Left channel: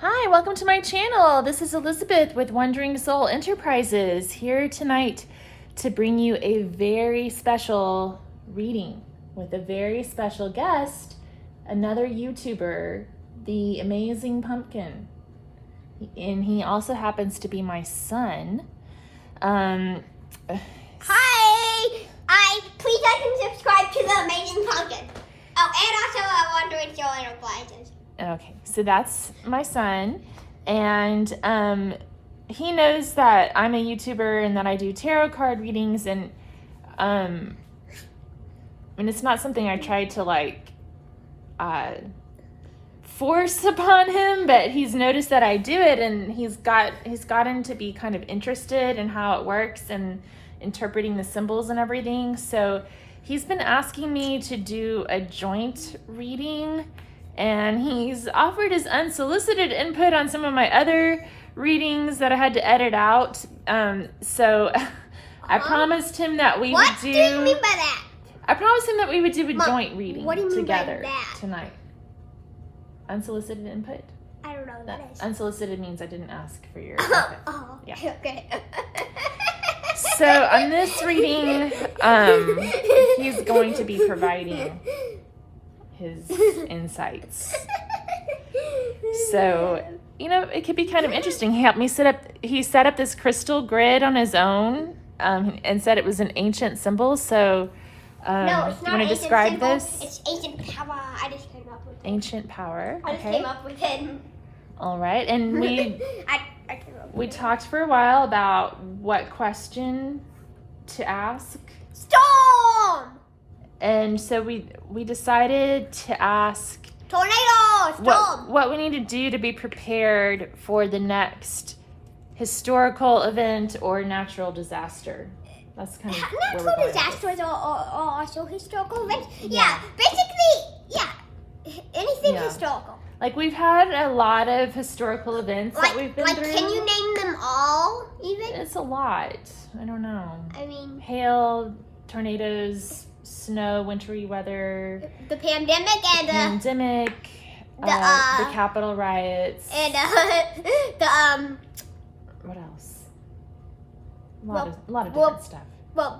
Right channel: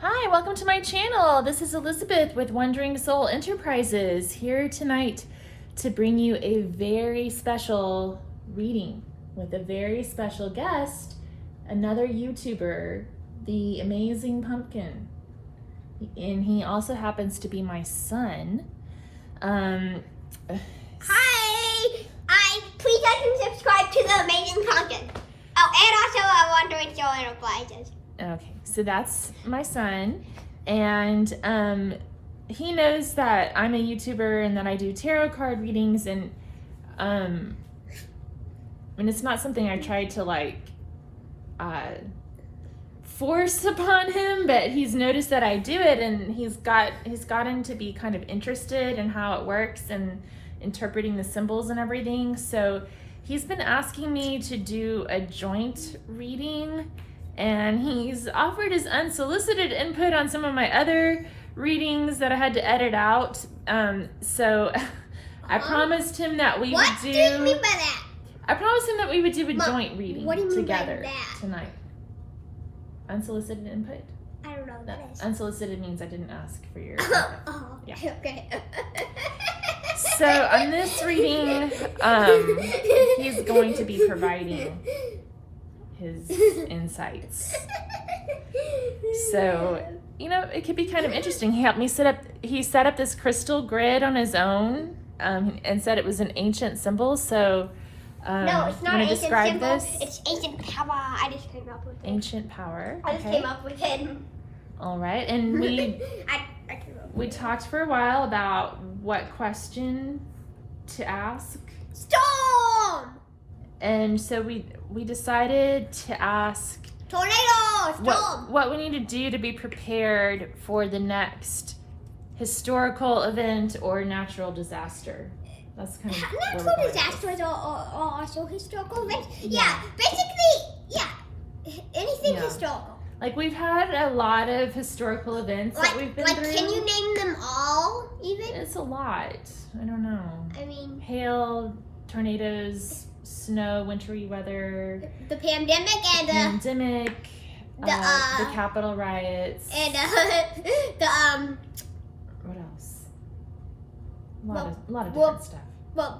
Hi, welcome to my channel. This is Elizabeth with Wandering Soul Enterprises, here tonight to bring you a very special reading with a very special guest, another YouTuber, the Amazing Pumpkin. And he also happens to be my son. Hi! Please like and subscribe to the Amazing Pumpkin. Oh, and also Wandering Soul Enterprises. Okay, so that's my son, and he knows that I'm a YouTuber and that I do tarot card readings, and it's not something I tried to force upon him, but he's noticed that I do it, and he's gotten to be kind of interested in how it works and interpreting the symbols and everything. So he's been asking me to do a joint reading. And he's offered his unsolicited input on some of my other readings that I had to edit out. So I promised him that we would do... What do you mean by that? I promised him that we would do a joint reading what do you mean together by that? tonight. Unsolicited input? I don't know what that is. Unsolicited means I didn't ask for your input. Oh, Yeah. okay. So on this reading, he's going to be providing his insights. So, it could be kind of interesting. He helped me set up this crystal grid on his own, and said it was an ancient symbol. So, No, it's you not want to ancient describe symbol. this? It's ancient power. I just came up with it. Ancient power. I just Okay. came up with it. All right. And we I came up we with it. talked for a while about what question to ask. Storm! And so we decided to ask Tornado! Storm! what we need to do to be prepared for the next historical event or natural disaster. That's kind of where we're Natural going with this. disasters are also historical events. Yeah. Yeah, basically, anything Yeah. historical. Like, we've had a lot of historical events that we've been through. Can you name them all, even? It's a lot. I don't know. I mean, Hail, tornadoes, snow, wintry weather, the pandemic and pandemic, the Capitol riots. and What else? A lot of different well- stuff.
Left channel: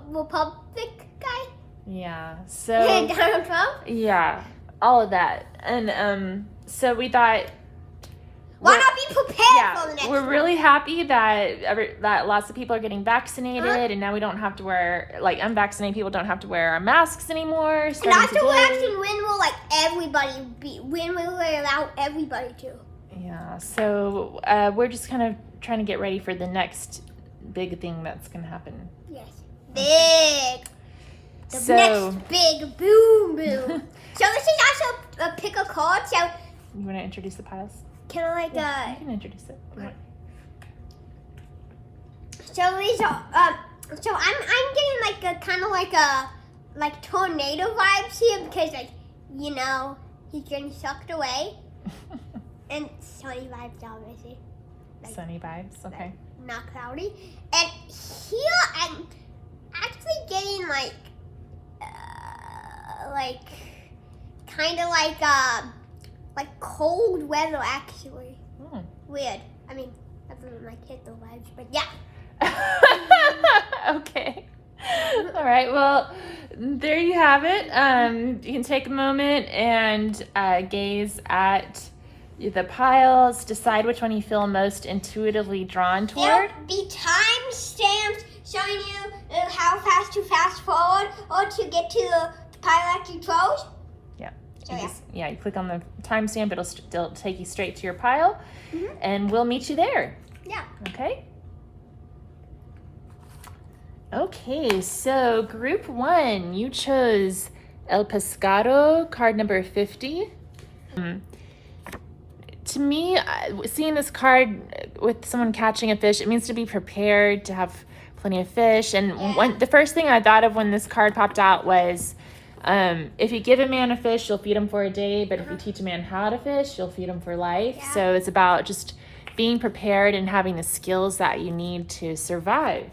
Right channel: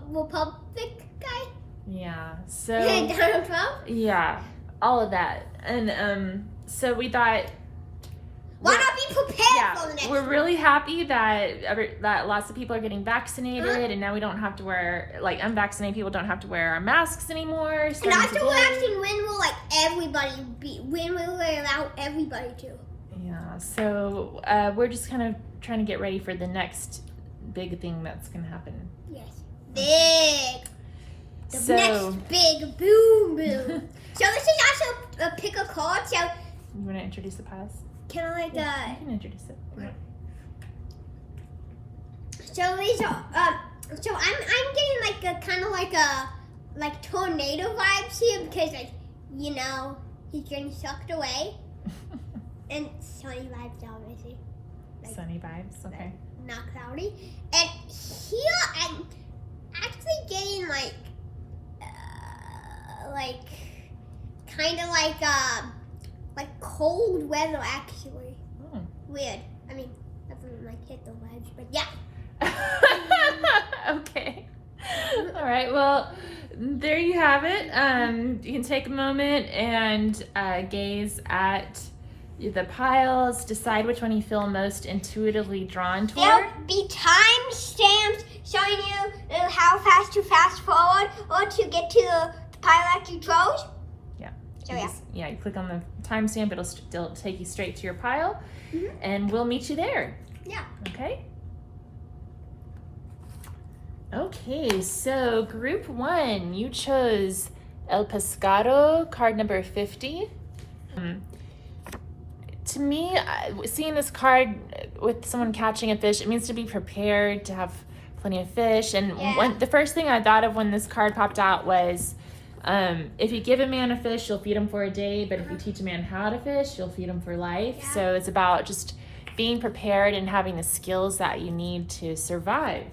Republic guy Yeah. and So Donald Trump. yeah, all of that, and so we thought. Why not be prepared for the next we're one? really happy that lots of people are getting vaccinated, and now we don't have to wear, unvaccinated people don't have to wear our masks anymore. And starting after today. we're asking when will we allow everybody to? Yeah, so we're just kind of trying to get ready for the next big thing that's going to happen. Yes. Big. The So- next big boom boom. So this is also a pick a card. So You want to introduce the piles? can I You can introduce it. Go ahead. So these are so I'm getting a kind of like tornado vibes here because he's getting sucked away and sunny vibes obviously. Sunny vibes, okay. Not cloudy. And here I'm actually getting kind of like cold weather actually. Hmm. Weird. I mean, doesn't hit the vibes, but yeah. Okay. All right. Well, there you have it. You can take a moment and gaze at the piles, decide which one you feel most intuitively drawn toward. There'll be time stamps showing you how fast to fast forward or to get to the pile that you chose. Yeah. So yeah. You click on the timestamp, it'll take you straight to your pile, Mhm. and we'll meet you there. Yeah. Okay? Okay, so group 1, you chose El Pescado, card number 50. To me, seeing this card with someone catching a fish, it means to be prepared, to have plenty of fish. And Yeah. the first thing I thought of when this card popped out was, if you give a man a fish, you'll feed him for a day, but if you teach a man how to fish, you'll feed him for life. Yeah. So it's about just being prepared and having the skills that you need to survive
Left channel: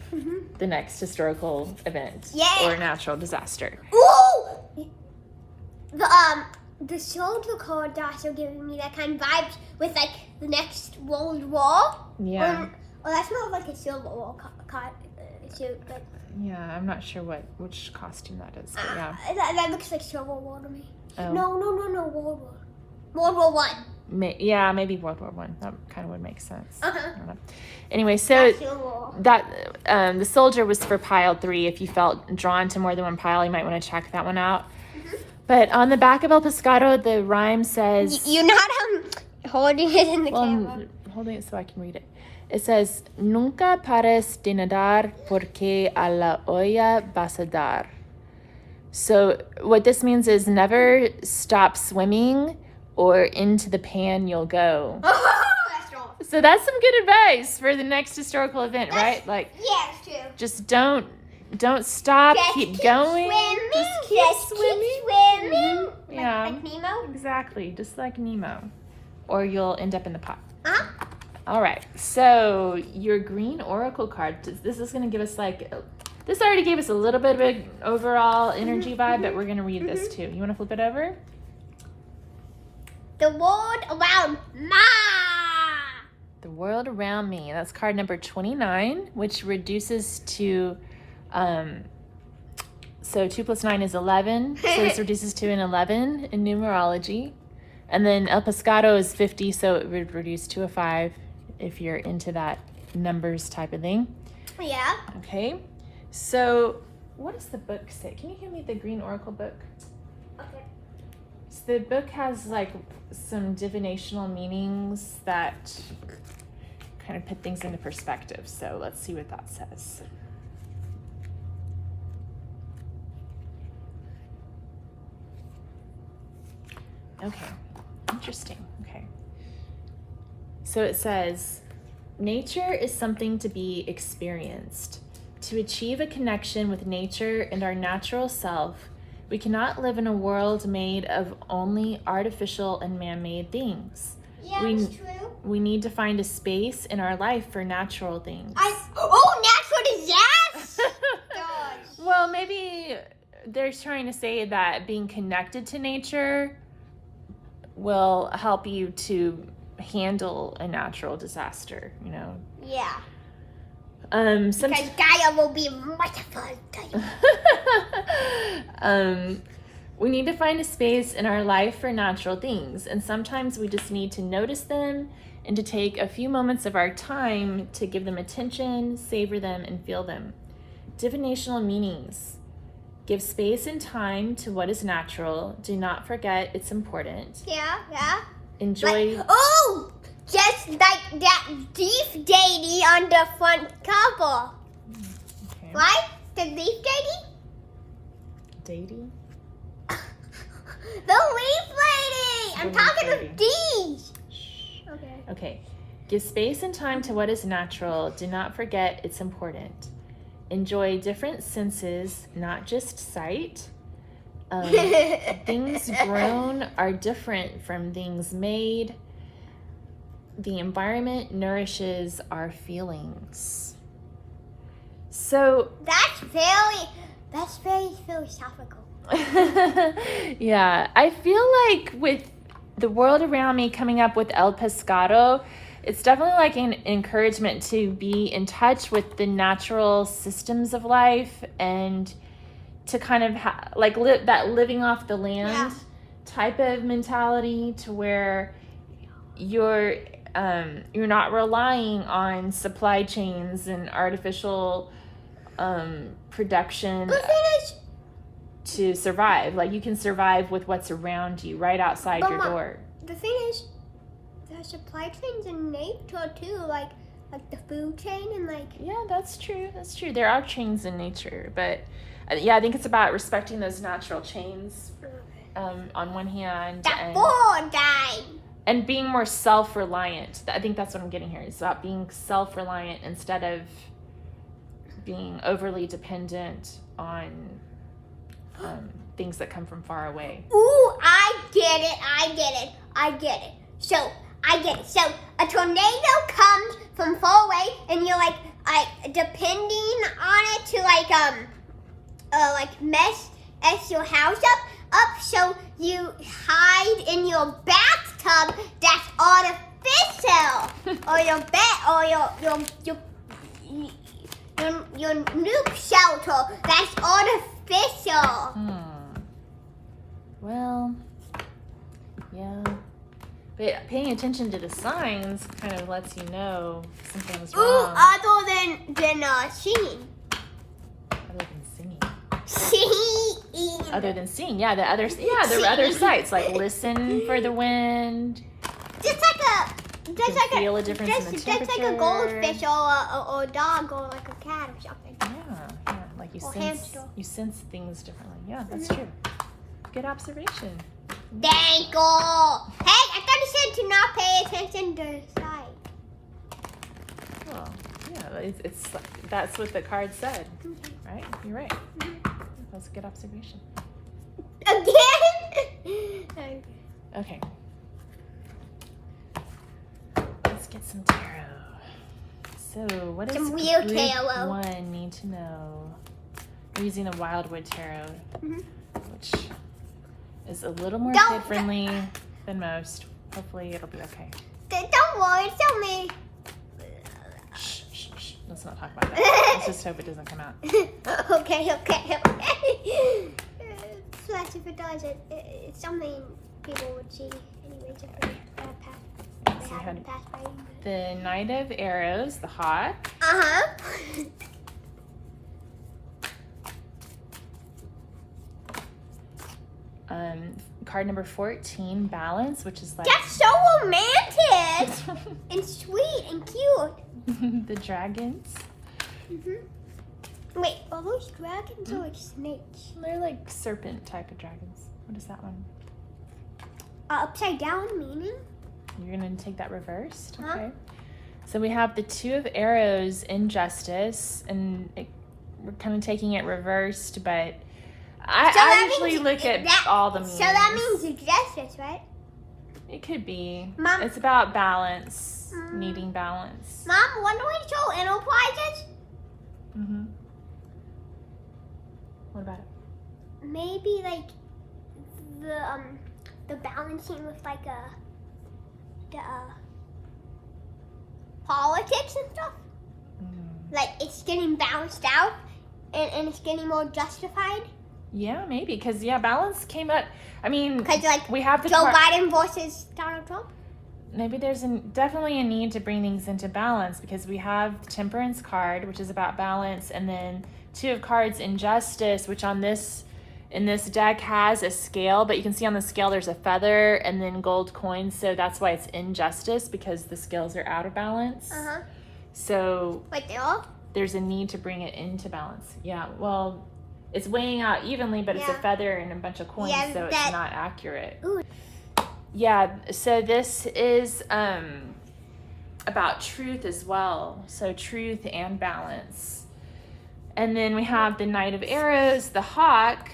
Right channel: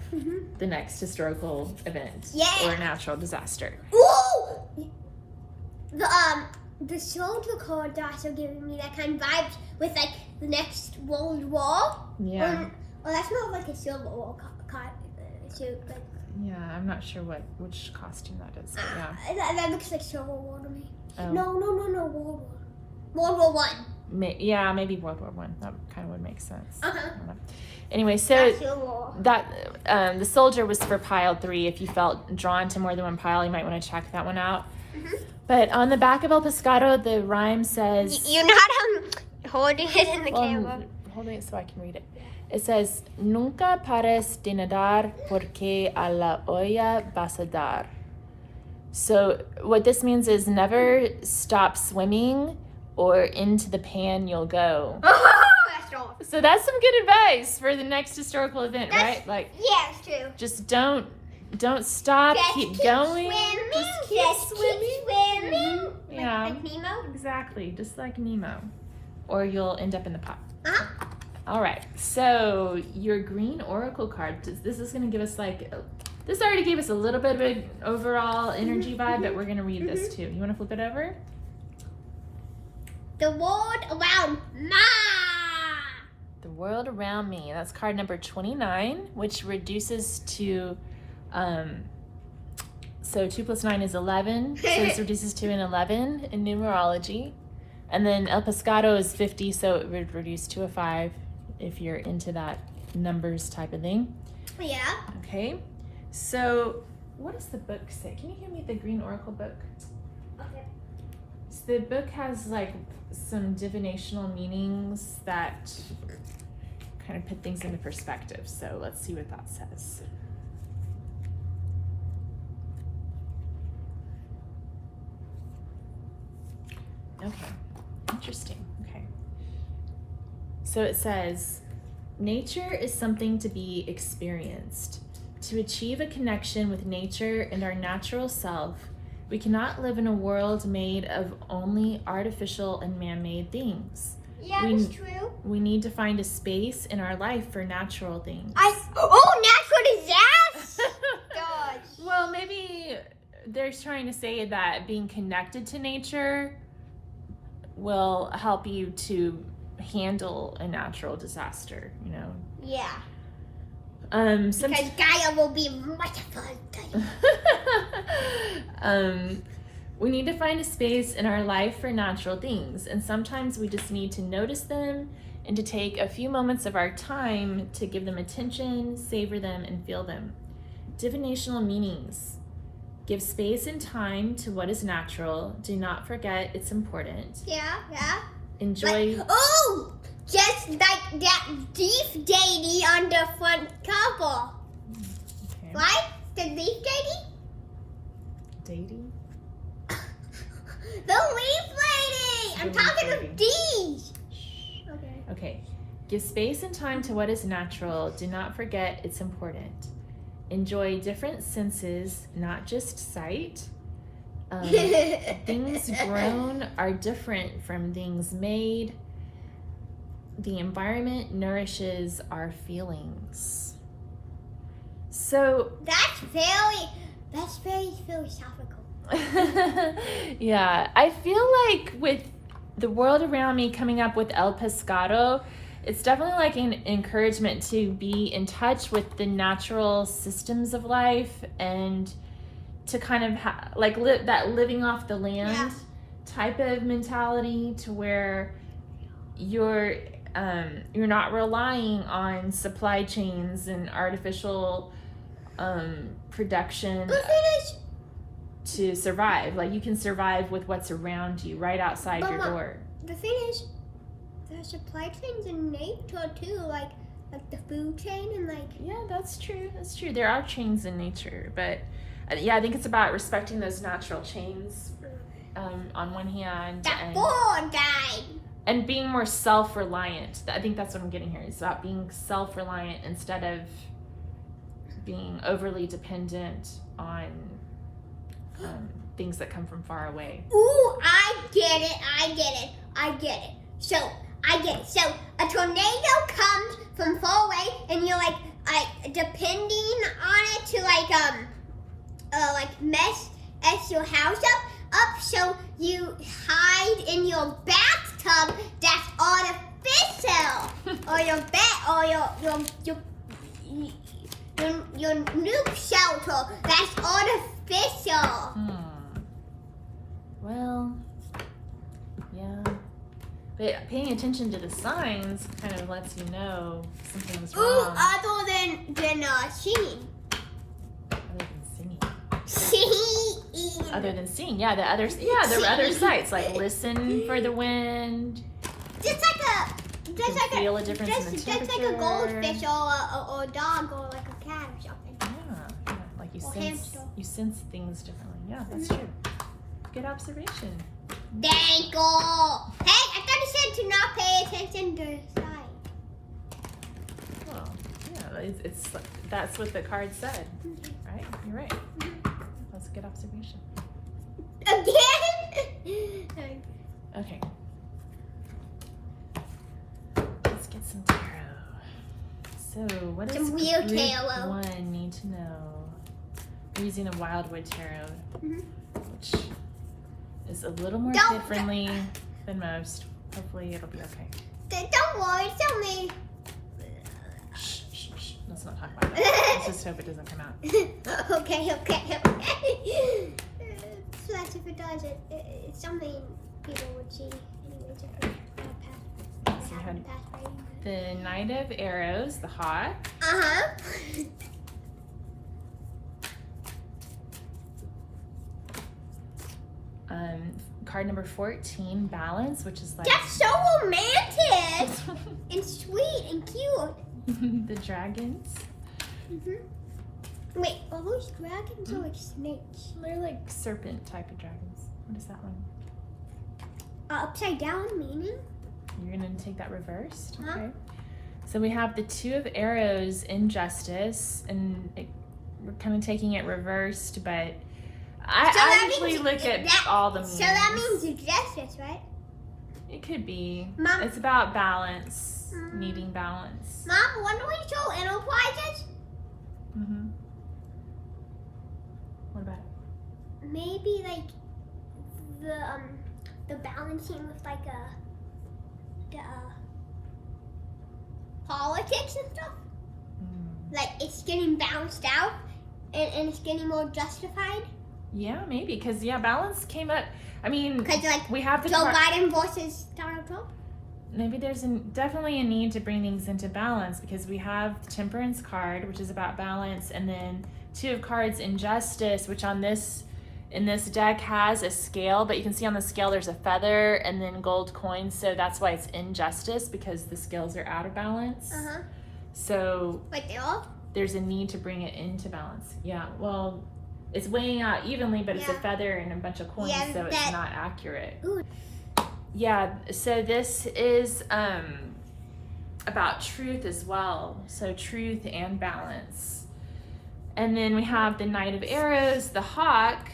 the next historical event Yeah. or natural disaster. Ooh! The the soldier card's also giving me that kind of vibes with like the next World War. Yeah. Well, that's more of like a Civil War card suit, but Yeah, I'm not sure which costume that is, but yeah. that looks like Civil War to me. Oh. No, World War. World War One. Yeah, maybe World War One. That kind of would make sense. Uh-huh. I don't know. Anyway, so Civil War. that the soldier was for pile 3. If you felt drawn to more than one pile, you might want to check that one out. Mm-hmm. But on the back of El Pescado, the rhyme says... You're not holding it in the camera. I'm holding it so I can read it. It says, Nunca pares de nadar porque a la olla vas a dar. So what this means is never stop swimming or into the pan you'll go. That's wrong. So that's some good advice for the next historical event, right? Like, Yeah, it's true. just don't stop, Just keep going. Swimming. Just keep swimming. Swimming. Yeah. Like Nemo. Exactly, just like Nemo. Or you'll end up in the pot. Uh-huh. All right, so your green oracle card, this is going to give us this already gave us a little bit of an overall energy vibe, but we're going to read this too. You want to flip it over? The world around me. The world around me. That's card number 29, which reduces to, so 2 plus 9 is 11. So this reduces to an 11 in numerology. And then El Pescado is 50, so it would reduce to a 5 if you're into that numbers type of thing. Yeah. Okay, so what does the book say? Can you give me the green oracle book? Okay. So the book has some divinational meanings that kind of put things into perspective. So let's see what that says. Okay, interesting. Okay. So it says, nature is something to be experienced. To achieve a connection with nature and our natural self, we cannot live in a world made of only artificial and man-made things. Yeah, that's true. We need to find a space in our life for natural things. Natural disaster! Gosh. Well, maybe they're trying to say that being connected to nature will help you to handle a natural disaster, you know? Yeah. Because Because Gaia will be modified. we need to find a space in our life for natural things, and sometimes we just need to notice them and to take a few moments of our time to give them attention, savor them, and feel them. Divinational meanings. Give space and time to what is natural. Do not forget it's important. Yeah. Enjoy. Just like that leaf deity on the front cover. Okay. Right? The leaf deity? Dating? The leaf lady! I'm The leaf talking lady. of these. Okay. Okay. Give space and time to what is natural. Do not forget it's important. Enjoy different senses, not just sight. Things grown are different from things made. The environment nourishes our feelings. So That's very philosophical. yeah, I feel like with the world around me coming up with El Pescado, it's definitely like an encouragement to be in touch with the natural systems of life and to kind of live that living off the land type of mentality, to where you're not relying on supply chains and artificial production to survive. Like, you can survive with what's around you right outside your door. The thing is, the supply chains in nature too, like the food chain and Yeah, that's true. There are chains in nature, but I think it's about respecting those natural chains on one hand. that board guy. And being more self-reliant. I think that's what I'm getting here. It's about being self-reliant instead of being overly dependent on things that come from far away. Ooh, I get it. So, a tornado comes from far away, and you're like depending on it to mess your house up. so you hide in your bathtub that's artificial, or your bed, or your nuke shelter that's artificial. Well, yeah. But paying attention to the signs kind of lets you know something's wrong. Ooh, other than singing. Other than singing. Singing. Other than singing, yeah, there were other sights like listen for the wind. Just like a feel a difference in the just like a temperature. goldfish or a dog or like a cat or something. Yeah, like Or hamster. you sense things differently. Yeah, that's true. Good observation. Thank you. Hey, I thought you said to not pay attention to the side. Well, yeah, it's that's what the card said, right? You're right. That's a good observation. Again? Okay. Let's get some tarot. So, what does Some real group tarot. 1 need to know? We're using the Wildwood Tarot, which is a little more kid-friendly than most. Hopefully, it'll be okay. Don't worry, it's only. Shh, shh, shh. Let's not talk about that. Let's just hope it doesn't come out. Okay. Plus, if it does, it's something people would see anyways. If they So we had the Knight of Arrows, the Hawk. Card number 14, Balance, which is like That's so romantic and sweet and cute. the dragons. Wait, are those dragons or like snakes? They're like serpent type of dragons. What is that one? Upside down meaning? You're gonna take that reversed, Huh? okay? So we have the Two of Arrows, Injustice, and we're kind of taking it reversed, but I usually look at all the meanings. So that means justice, right? It could be. Mom? It's about balance, needing balance. Mom, when do we show enterprises? What about it? Maybe like the balancing with like the politics and stuff. Like it's getting balanced out and it's getting more justified. Yeah, maybe, because balance came up. I mean, Because like we have the Joe Biden versus Donald Trump. Maybe there's definitely a need to bring things into balance, because we have the Temperance card, which is about balance, and then Two of Cards, Injustice, which in this deck has a scale, but you can see on the scale there's a feather and then gold coins, so that's why it's injustice, because the scales are out of balance. So Like they all? there's a need to bring it into balance. Yeah, well, it's weighing out evenly, but it's a feather and a bunch of coins, so it's not accurate. Ooh. Yeah, so this is about truth as well. So truth and balance. And then we have the Knight of Arrows, the Hawk,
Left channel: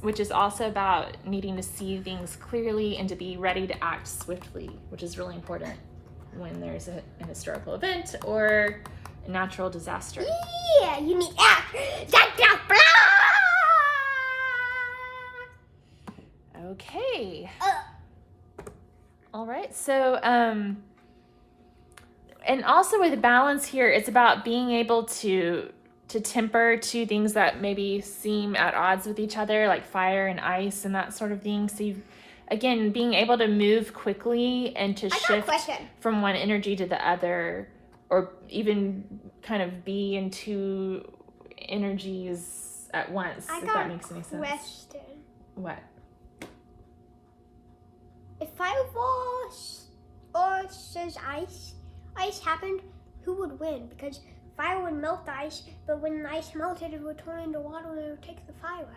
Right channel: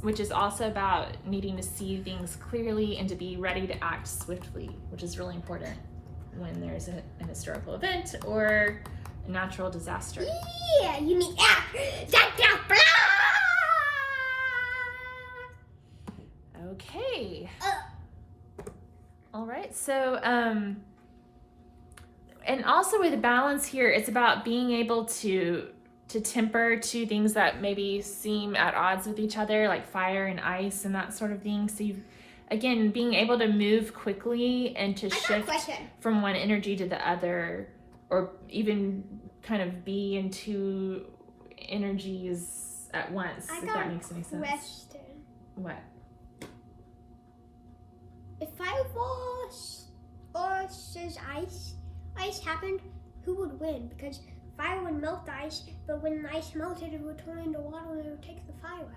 which is also about needing to see things clearly and to be ready to act swiftly, which is really important when there's an historical event or a natural disaster. Yeah, you need Okay. All right. So, and also with the balance here, it's about being able to temper two things that maybe seem at odds with each other, like fire and ice and that sort of thing. So again, being able to move quickly and to shift from one energy to the other, or even kind of be in two energies at once, if that makes any sense. Question. What? If fire or says ice happened, who would win? Because fire would melt the ice, but when the ice melted, it would turn into water and it would take the fire out.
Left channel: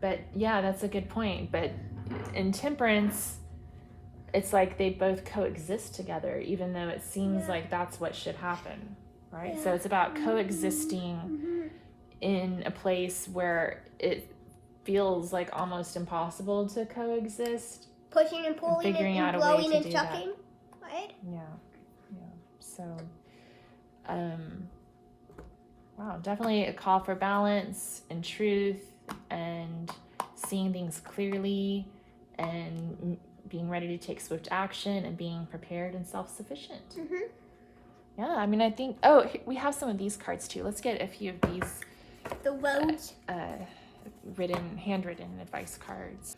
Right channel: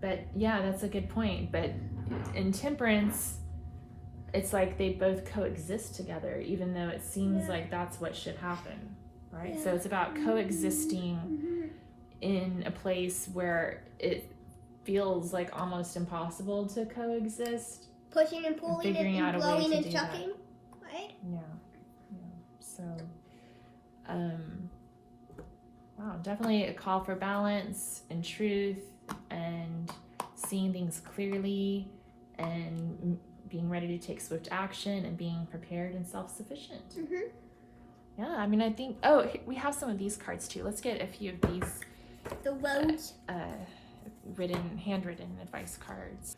But yeah, that's a good point. But in Temperance, it's like they both coexist together, even though it seems like that's what should happen, right? So it's about coexisting in a place where it feels like almost impossible to coexist. Pushing and pulling figuring and out a way blowing to and do chucking, right? Yeah. So, wow, definitely a call for balance and truth and seeing things clearly and being ready to take swift action and being prepared and self-sufficient. Mm-hmm. Yeah, I mean, I think, we have some of these cards too. Let's get a few of these The roads. handwritten advice cards.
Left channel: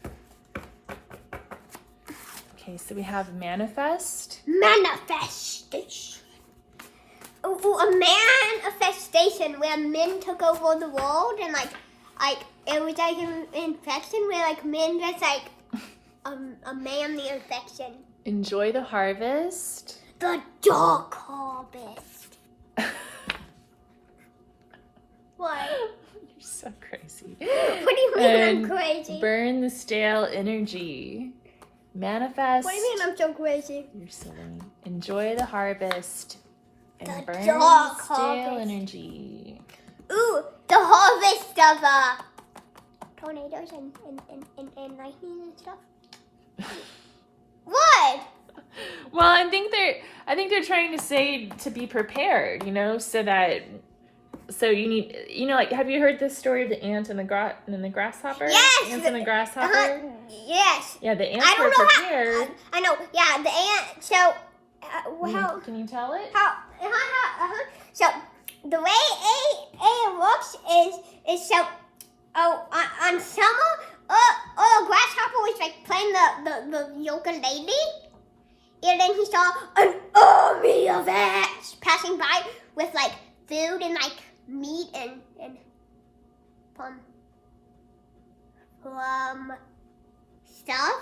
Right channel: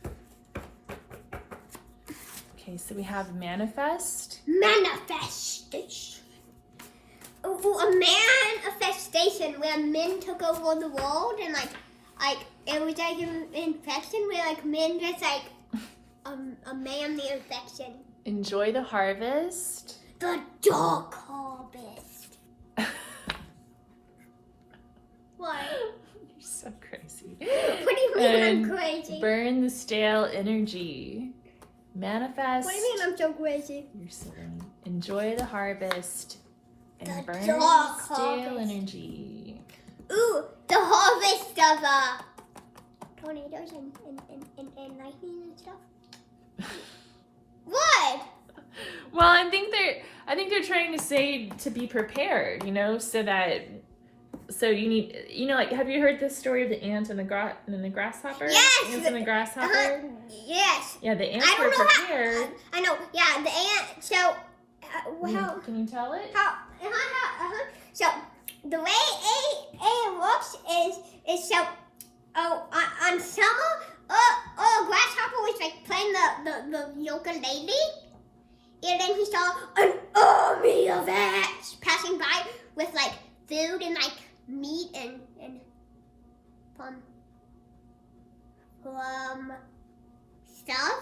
Okay, so we have manifest. Manifestation. A manifestation where men took over the world and like it was like an infection where like men just like a man the infection. Enjoy the harvest. The dark harvest. What? You're so crazy. What do you mean And I'm crazy? burn the stale energy. Manifest. What do you mean I'm so crazy? You're silly. Enjoy the harvest and The burn dark the stale harvest. energy. Ooh, the harvest of tornadoes and lightning and stuff. What? Well, I think they're trying to say to be prepared, so you need, like, have you heard this story of the ant and the grasshopper? Yes! Ants and the grasshopper? Yes. Yeah, the ants I were don't know prepared. how. I know. Yeah, the ant. So, how? Can you tell it? So, the way it works is so. On summer, grasshopper was like playing the ukulele, and then he saw an army of ants passing by with like food and like meat and stuff.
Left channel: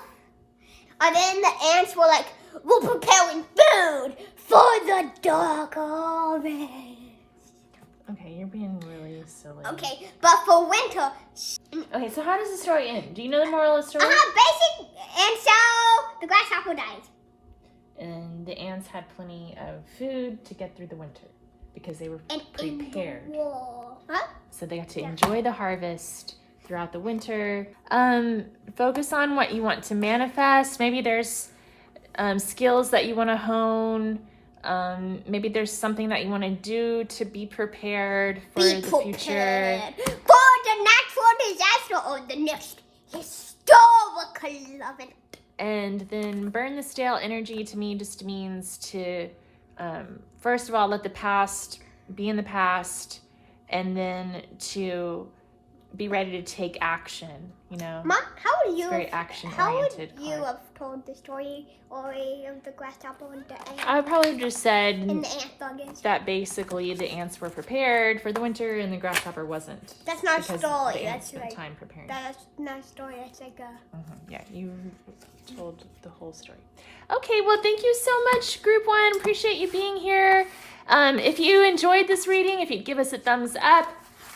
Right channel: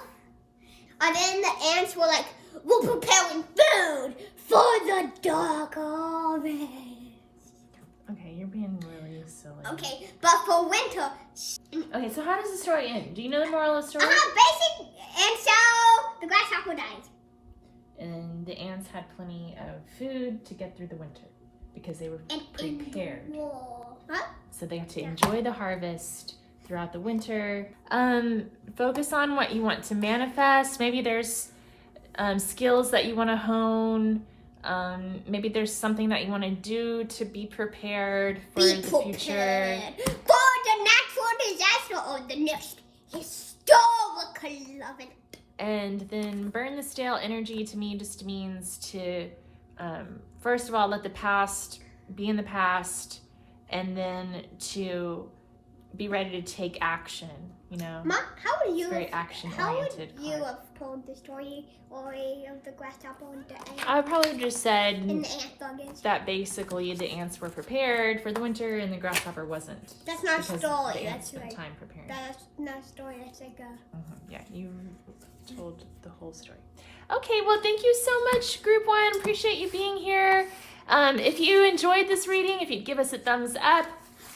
And then the ants were like, "We're preparing food for the dark harvest." Okay, you're being really silly. Okay, but for winter. Okay, so how does the story end? Do you know the moral of the story? Basic. And so the grasshopper dies. And the ants had plenty of food to get through the winter because they were And prepared. in the war. Huh? So they have to enjoy the harvest throughout the winter. Focus on what you want to manifest. Maybe there's skills that you want to hone. Maybe there's something that you want to do to be prepared for the future. For the natural disaster or the next historical event. And then burn the stale energy to me just means to, first of all, let the past be in the past, and then to be ready to take action, Mom, how would you very have told the story of the grasshopper and the ant? I would probably just said And the ant buggers. that basically the ants were prepared for the winter and the grasshopper wasn't. That's not a because story. the ants That's spent like time preparing. that's not a story. That's like a. Yeah, you told the whole story. Okay, well, thank you so much, Group 1. Appreciate you being here. If you enjoyed this reading, if you'd give us a thumbs up.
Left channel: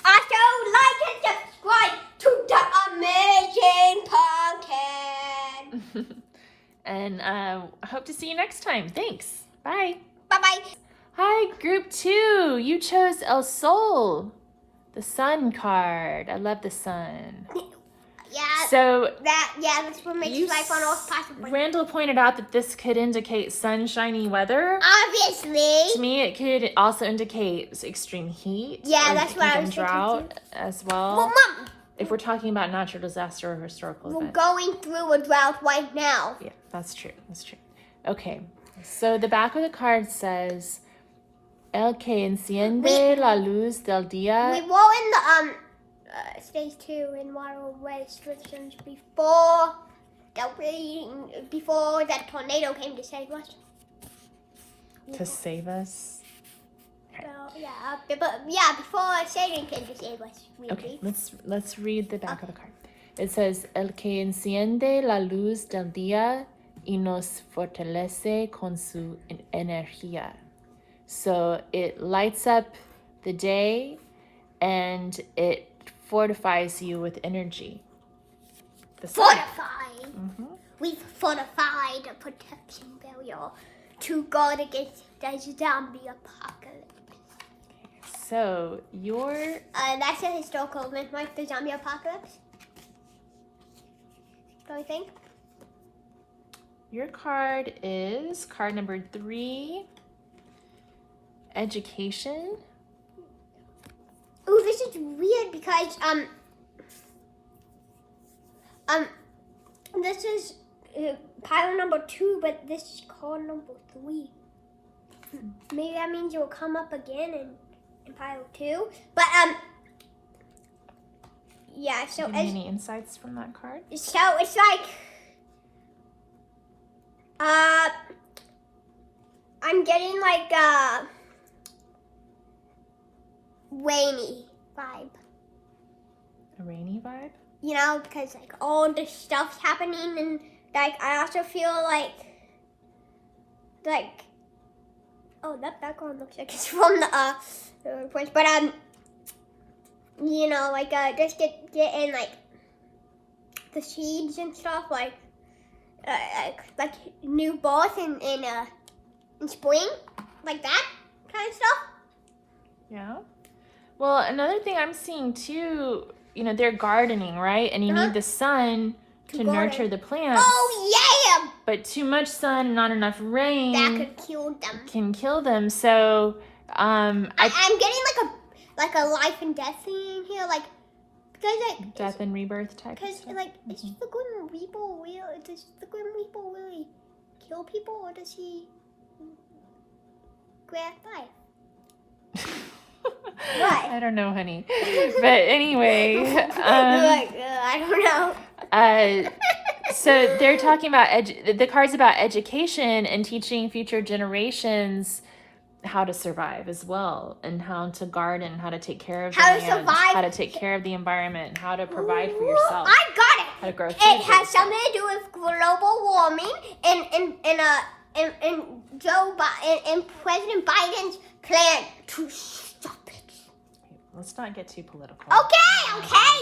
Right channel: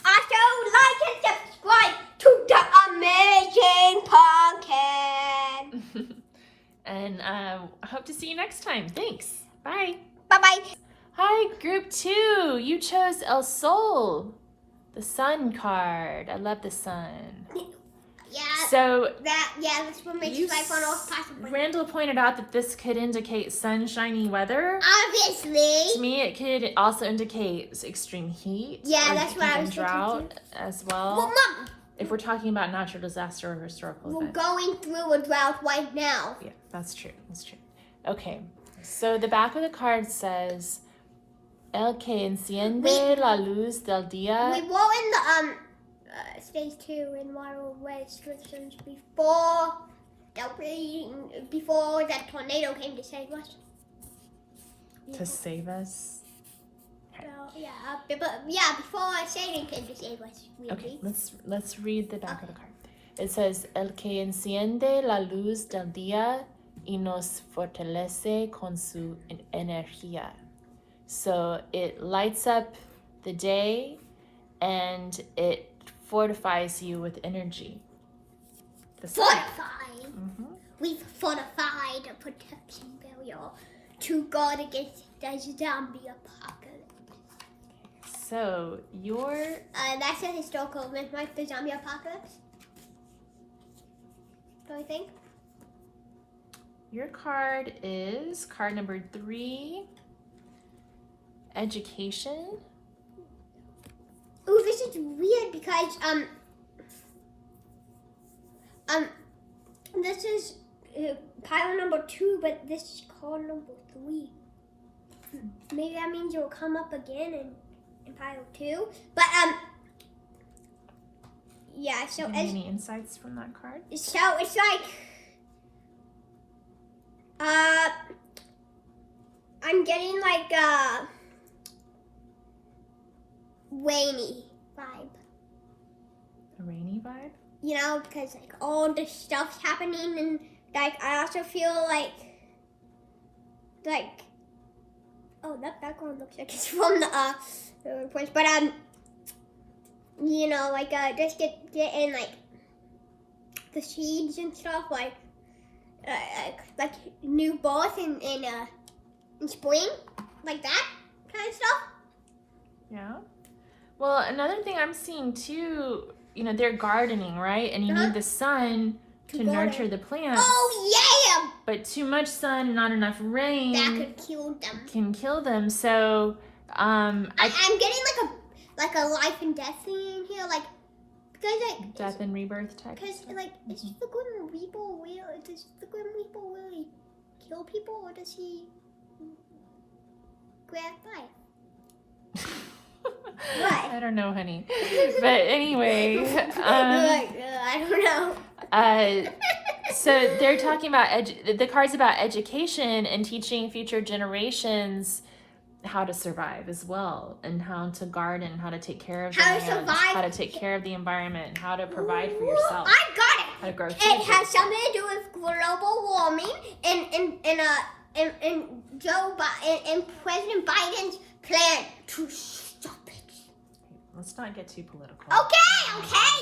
Also, like and subscribe to the amazing podcast. And I hope to see you next time. Thanks. Bye. Bye-bye. Hi, Group 2. You chose El Sol, the sun card. I love the sun. Yeah. So that's what makes life on Earth possible. Randall pointed out that this could indicate sunshiny weather. Obviously. To me, it could also indicate extreme heat. Yeah, or that's what I was thinking drought as well. Well, Mom, If we're talking about natural disaster or historical we're event. going through a drought right now. Yeah, that's true. That's true. Okay, so the back of the card says, El que enciende la luz del día. We were in the stage 2 in water restrictions before that tornado came to save us. To save us? Before Satan came to save us. Okay, let's read the back of the card. It says, El que enciende la luz del día y nos fortalece con su energía. So it lights up the day and it fortifies you with energy. Fortified. Mm-hmm. We've fortified a protection barrier to guard against the zombie apocalypse. So your That's a historical event, like the zombie apocalypse. Don't you think? your card is card number 3, education. Ooh, this is weird because This is pile number 2, but this is called number 3. Maybe that means you'll come up again in pile 2. But yeah. So any insights from that card? So it's like I'm getting like rainy vibe. A rainy vibe? You know, because like all this stuff's happening, and like I also feel like oh, that background looks like it's from the place, but you know, like just getting like the seeds and stuff, like new balls in spring, like that kind of stuff. Yeah. Well, another thing I'm seeing too, you know, they're gardening, right? And you need the sun to nurture the plants. Oh yeah! But too much sun, not enough rain, that could kill them. Can kill them. So I'm getting like a life and death thing in here, like because like death and rebirth type. Because like, is the Grim Reaper real? Does the Grim Reaper really kill people, or does he grab life? What? I don't know, honey. But anyway, I don't know. So they're talking about the card's about education and teaching future generations how to survive as well, and how to garden, how to take care of how the to land, survive, how to take care of the environment, how to provide for yourself. I got it. How to grow food. It has something to do with global warming and Joe Biden and President Biden's plan to stop it. Let's not get too political. Okay.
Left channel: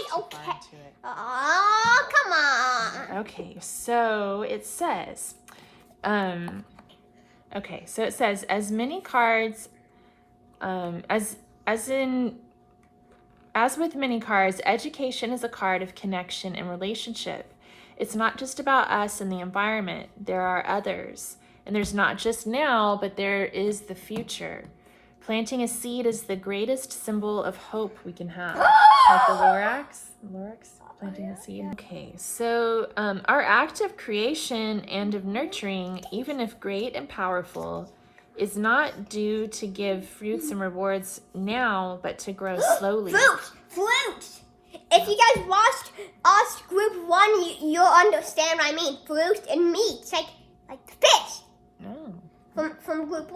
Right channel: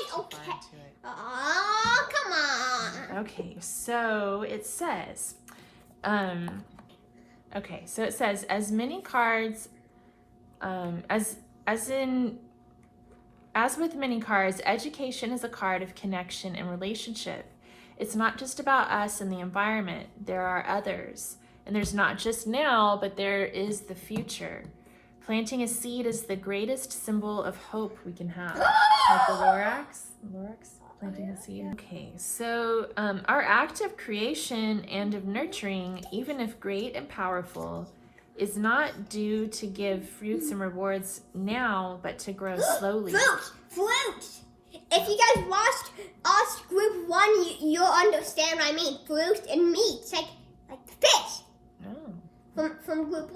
To it. Oh, come on. Okay, so it says, as many cards, as with many cards, education is a card of connection and relationship. It's not just about us and the environment. There are others. And there's not just now, but there is the future. Planting a seed is the greatest symbol of hope we can have. Like the Lorax, planting a seed. Okay, so our act of creation and of nurturing, even if great and powerful, is not due to give fruits and rewards now, but to grow slowly. Fruits! If you guys watched us group 1, you'll understand what I mean. Fruits and meats, like fish. From group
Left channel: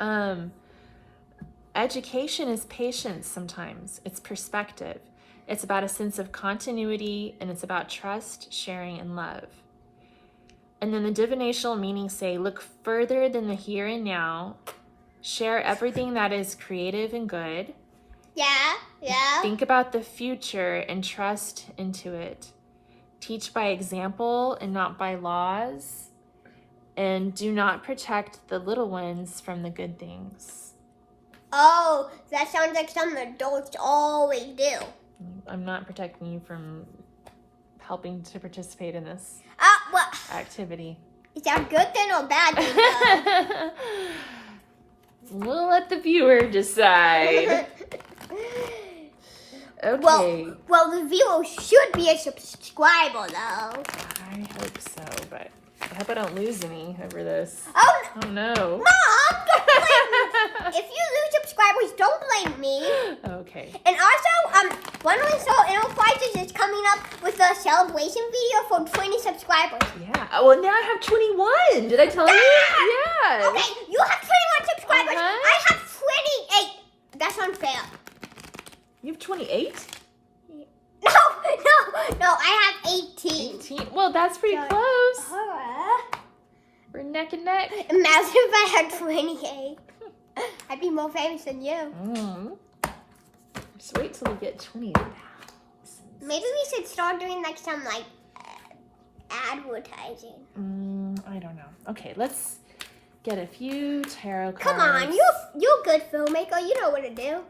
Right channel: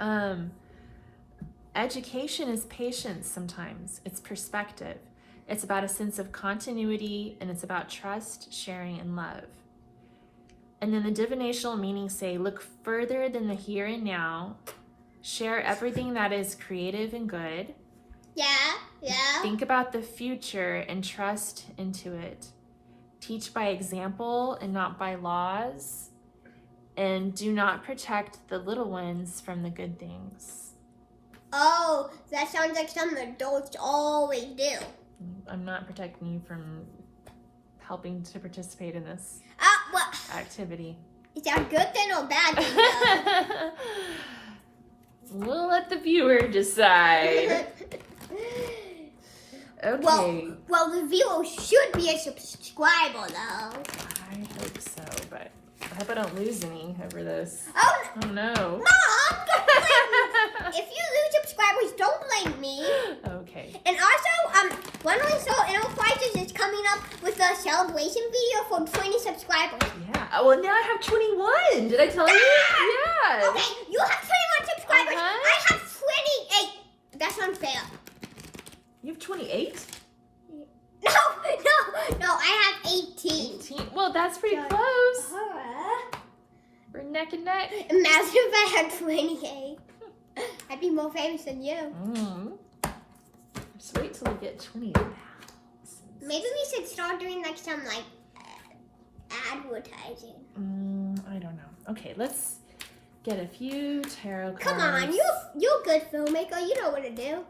1. Education is patience sometimes. It's perspective. It's about a sense of continuity, and it's about trust, sharing, and love. And then the divinational meanings say, look further than the here and now. Share everything that is creative and good. Yeah. Think about the future and trust into it. Teach by example and not by laws. And do not protect the little ones from the good things. Oh, that sounds like something adults always do. I'm not protecting you from helping to participate in this activity. Is that a good thing or bad thing? We'll let the viewer decide. Okay. Well, the viewer should be a subscriber, though. I hope so, but I hope I don't lose any over this. Oh no. Mom, don't blame me. If you lose subscribers, don't blame me. Okay. And also, one of the enterprises is coming up with a celebration video for 20 subscribers. Yeah. Oh, well, now I have 21. Did I tell you? Yeah. Okay, you have 21 subscribers. I have 28. That's unfair. You have 28? No, I have 18. 18? Well, that's pretty close. We're neck and neck. Imagine if I had 28. I'd be more famous than you. Just wait till we get 20,000. Maybe we should start doing like some advertising. I don't know. Okay, let's get a few tarot cards. Come on, you're a good filmmaker. You know what to do.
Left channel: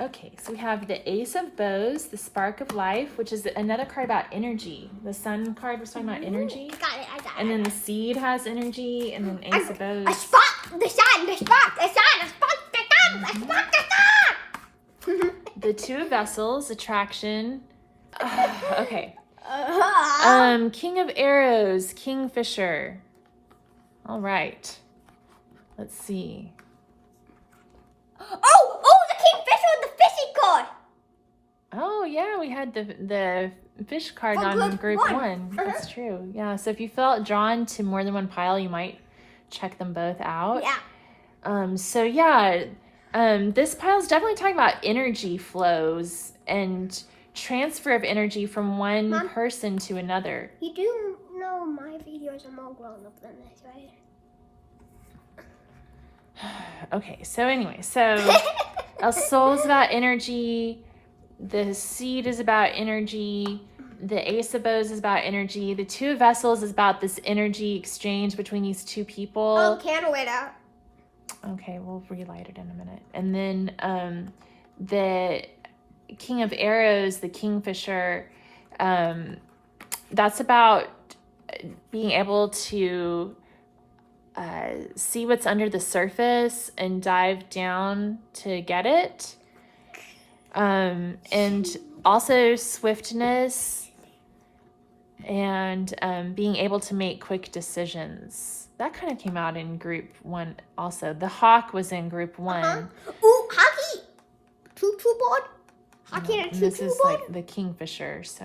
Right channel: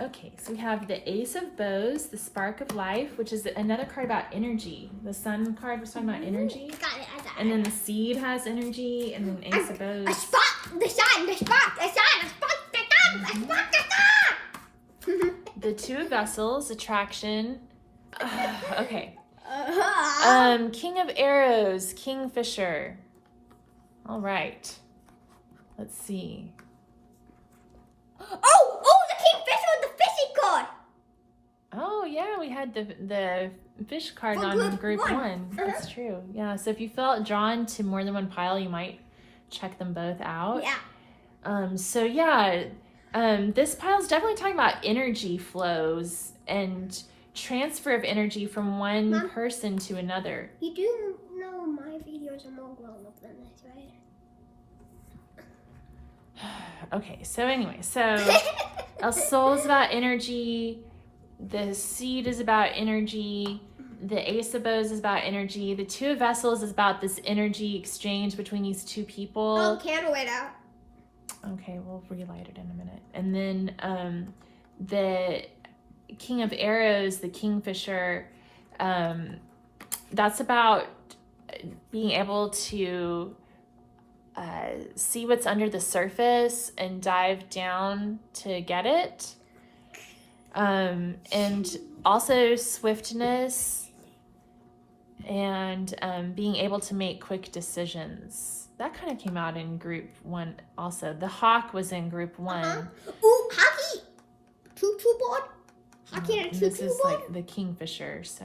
Okay, so we have the Ace of Bows, the Spark of Life, which is another card about energy. The Sun card was talking about energy. I got it. And then the Seed has energy, and then Ace of Bows. A spark, the sun, the spark, the sun, the spark, the sun, the spark, the sun. the Two of Vessels, attraction. Okay. King of Arrows, Kingfisher. All right. Let's see. Oh, the Kingfisher with the fishy card. Oh yeah, we had the fish card For on group group one. one. That's true. Yeah. So if you felt drawn to more than one pile, you might check them both out. Yeah. So yeah, this pile's definitely talking about energy flows and transfer of energy from one Mom? person to another. You do know my videos are more grown up than this, right? Okay, so anyway, so El Sol is about energy, the Seed is about energy, the Ace of Bows is about energy, the Two of Vessels is about this energy exchange between these two people. Oh, candle went out. Okay, we'll relight it in a minute. And then the King of Arrows, the Kingfisher, that's about being able to see what's under the surface and dive down to get it. And also swiftness and being able to make quick decisions. That kind of came out in group one also. The Hawk was in group one. Ooh, hockey. Choo-choo board. Hockey and a This choo-choo is board. like the Kingfisher, so.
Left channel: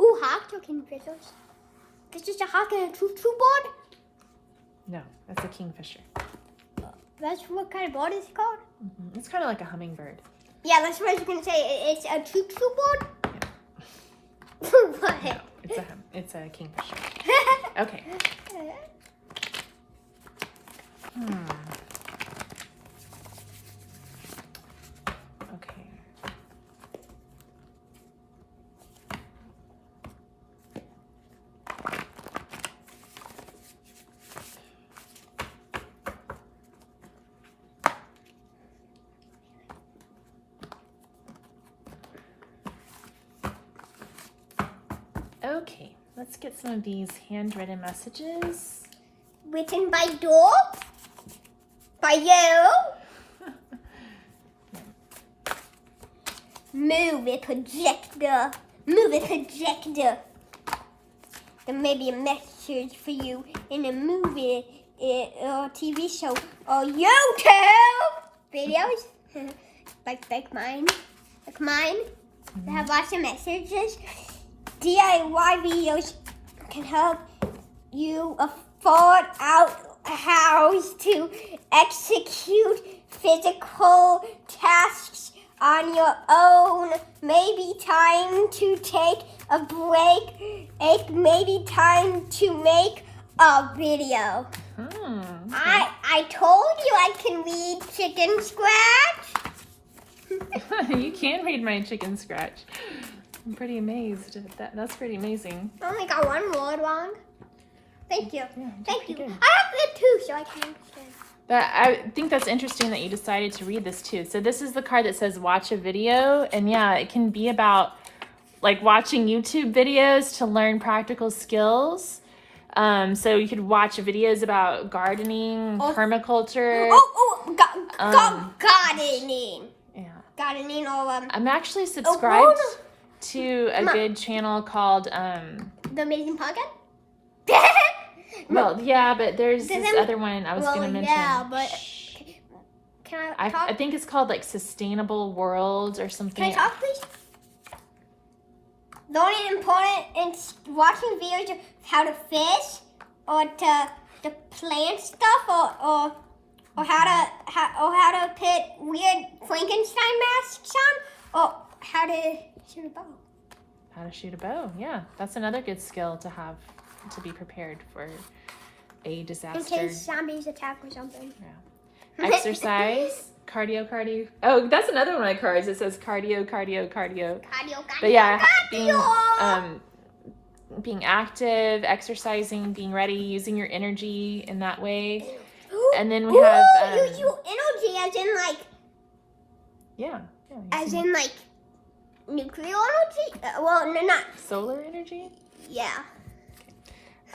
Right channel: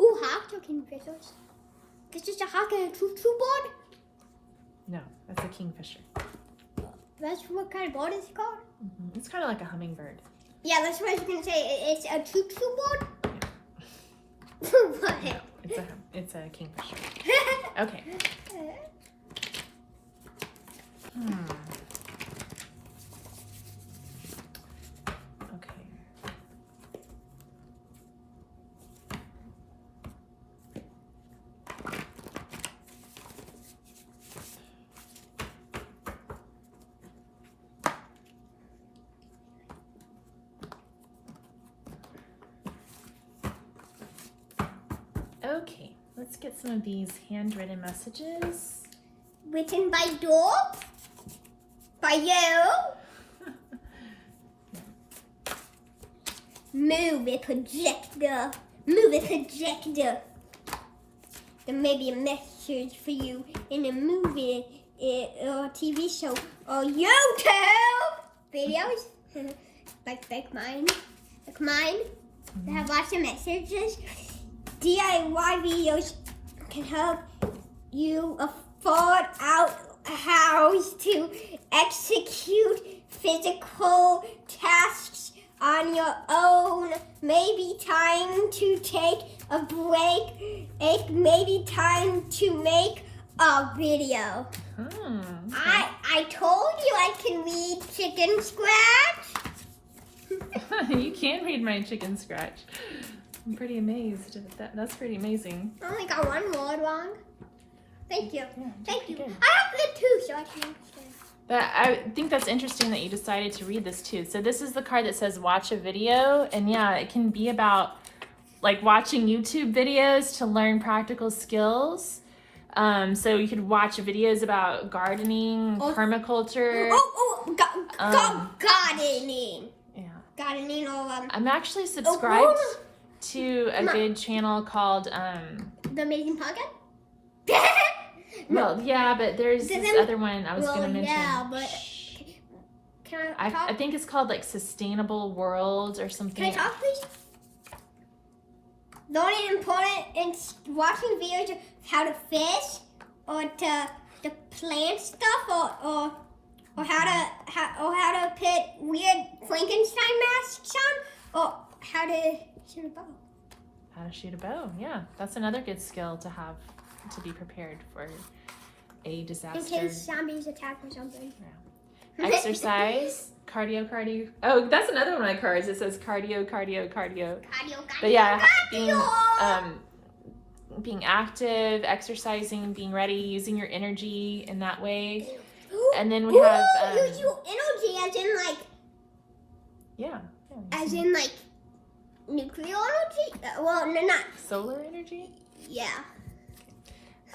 Ooh, hawk or kingfishers. This is a hockey and a choo-choo board. No, that's a Kingfisher. That's what kind of board is it called? It's kind of like a hummingbird. Yeah, that's what I was gonna say. It's a choo-choo board. What? It's a Kingfisher. Okay. Okay. Okay, let's get some of these handwritten messages. Written by dog? By you? Move it, projector. Move it, projector. There may be a message for you in a movie or TV show or YouTube videos. like mine. Like mine. They have lots of messages. DIY videos can help you afford out a house to execute physical tasks on your own. Maybe time to take a break. Maybe time to make a video. I told you I can read chicken scratch. You can read my chicken scratch. I'm pretty amazed at that. That's pretty amazing. I only got one word wrong. Thank you. Yeah, Thank you. good. I have it too, so I can understand. But I think that's interesting that you decided to read this too. So this is the card that says watch a video. And yeah, it can be about like watching YouTube videos to learn practical skills. So you could watch videos about gardening, permaculture. Gardening. Yeah. Gardening or I'm actually subscribed Oh, to a good channel called The Amazing Podcast? well, yeah, but there's this other one I was going to mention. Yeah, but can I talk? I think it's called like Sustainable World or something. Can I talk, please? The only important in watching videos of how to fish or to plant stuff or how to put weird Frankenstein masks on or how to shoot a bow. How to shoot a bow. Yeah, that's another good skill to have to be prepared for a disaster. In case zombies attack or something. Yeah. Exercise, cardio. Oh, that's another one of my cards. It says cardio. But yeah, being active, exercising, being ready, using your energy in that way. And then we have use your energy as in like as in like nuclear energy. Well, no, not solar energy. Yeah.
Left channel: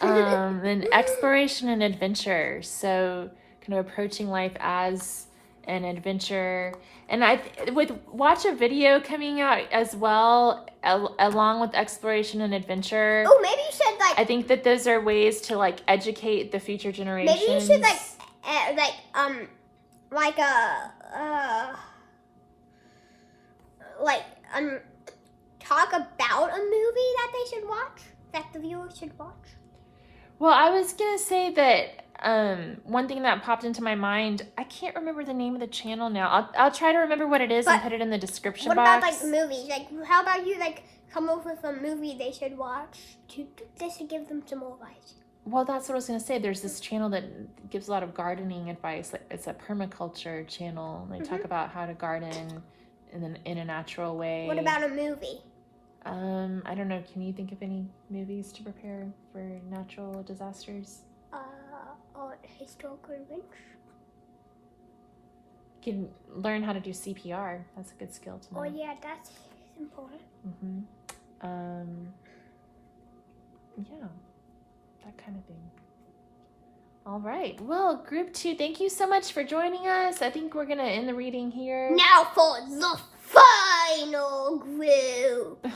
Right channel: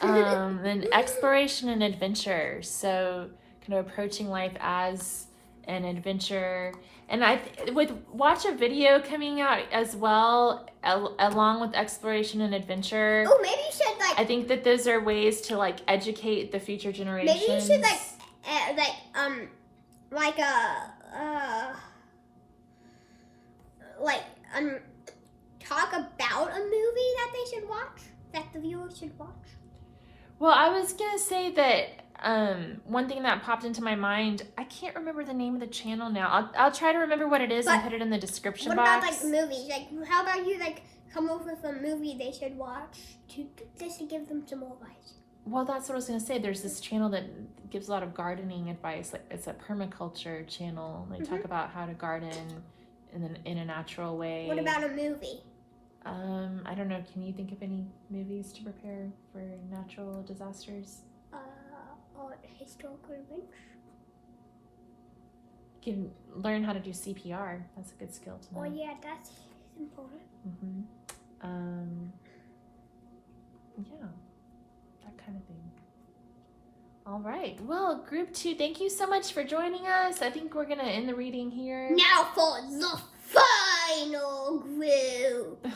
Then exploration and adventure. So kind of approaching life as and adventure. And I would watch a video coming out as well, along with exploration and adventure. Oh, maybe you should like. I think that those are ways to like educate the future generations. Maybe you should talk about a movie that they should watch, that the viewers should watch. Well, I was gonna say that one thing that popped into my mind, I can't remember the name of the channel now. I'll try to remember what it is and put it in the description box. What about like movies? Like, how about you like come up with a movie they should watch just to give them some more advice? Well, that's what I was gonna say. There's this channel that gives a lot of gardening advice. It's a permaculture channel. They talk about how to garden in a natural way. What about a movie? I don't know. Can you think of any movies to prepare for natural disasters? Historical events. You can learn how to do CPR. That's a good skill to know. Oh yeah, that's important. Yeah, that kind of thing. All right. Well, group 2, thank you so much for joining us. I think we're gonna end the reading here. Now for the final group.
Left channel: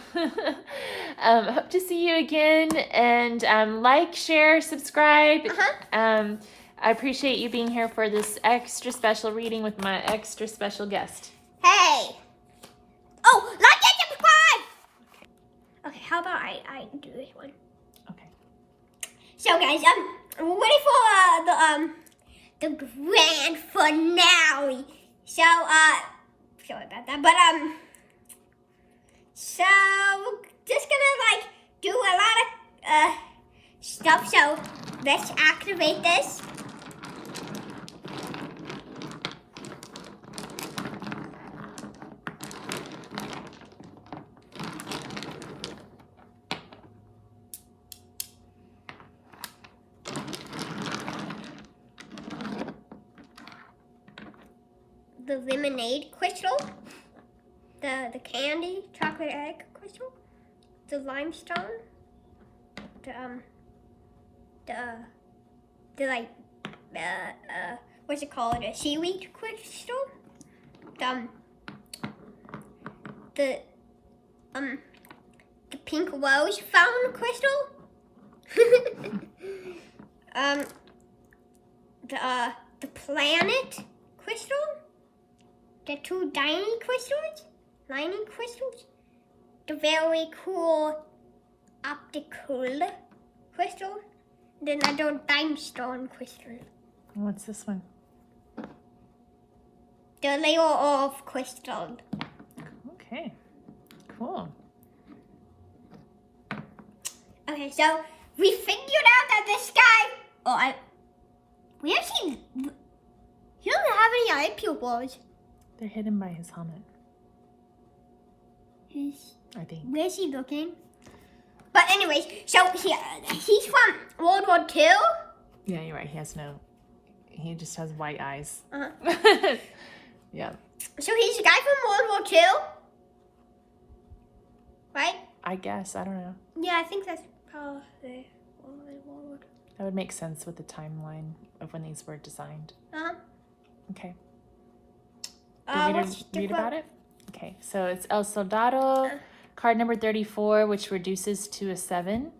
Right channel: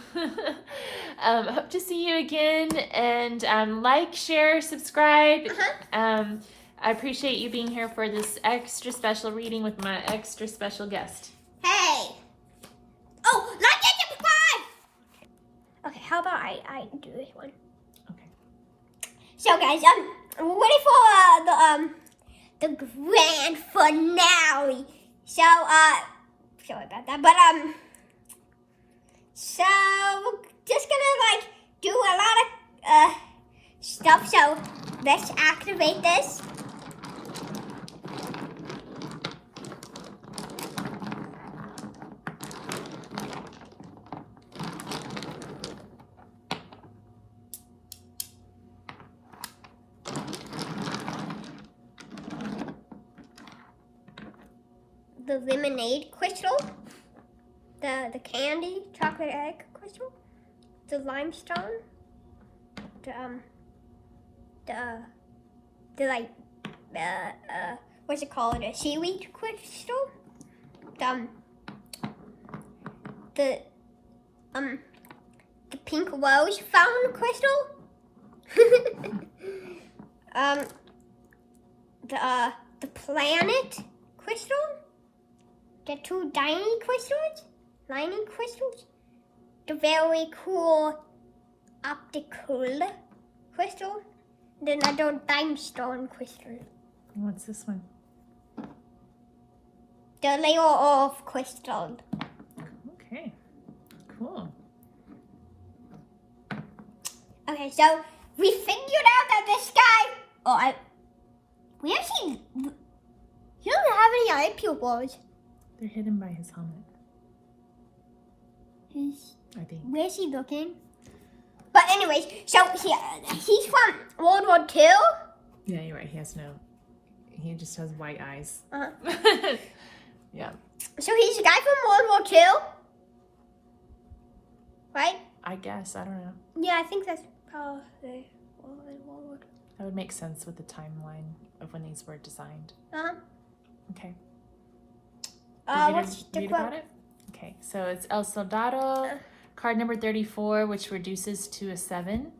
Hope to see you again, and like, share, subscribe. I appreciate you being here for this extra special reading with my extra special guest. Hey! Oh, like and subscribe! Okay, how about I do this one? Okay. So guys, we're waiting for the grand finale. So sorry about that, but so we're just gonna like do a lot of stuff. So let's activate this. The lemonade crystal, the candy chocolate egg crystal, the limestone, the like what's it called? A seaweed crystal, the pink rose fountain crystal, the planet crystal. The 2 lining crystals, the very cool optical crystal, then another limestone crystal. What's this one? The layer of crystal. Okay, cool. Okay, so we figured out that this guy. We actually. He doesn't have any eye pupils. They're hidden by his helmet. I think. Where's he looking? But anyways, so he's from World War II. Yeah, you're right. He just has white eyes. Yeah. So he's a guy from World War II, right? I guess. I don't know. Yeah, I think that's probably World War. That would make sense with the timeline of when these were designed. Okay. What's the read quote? about it? Okay, so it's El Soldado, card number 34, which reduces to a 7.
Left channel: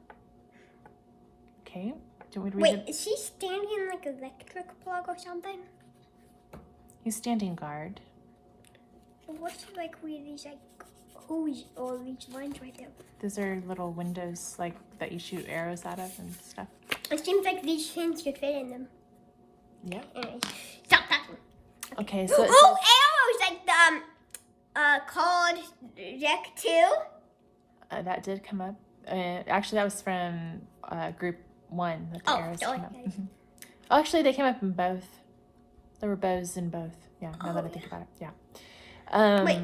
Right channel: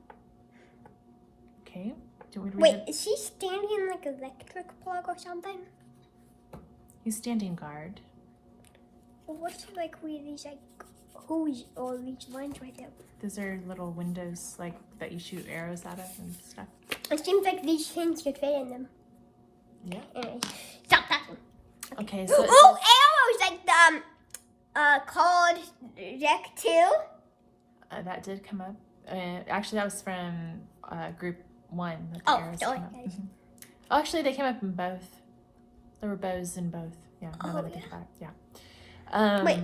Okay. Do we read Wait, it? is he standing in like an electric plug or something? He's standing guard. So what's like with these like hose or these lines right there? Those are little windows like that you shoot arrows out of and stuff. It seems like these things should fit in them. Yeah. Anyways, stop that. Okay, so it arrows like called Deck 2. that did come up. Actually, that was from group 1. That the arrows came up. Oh, actually, they came up in both. There were bows in both. Yeah, now that I think about it. Yeah. Wait,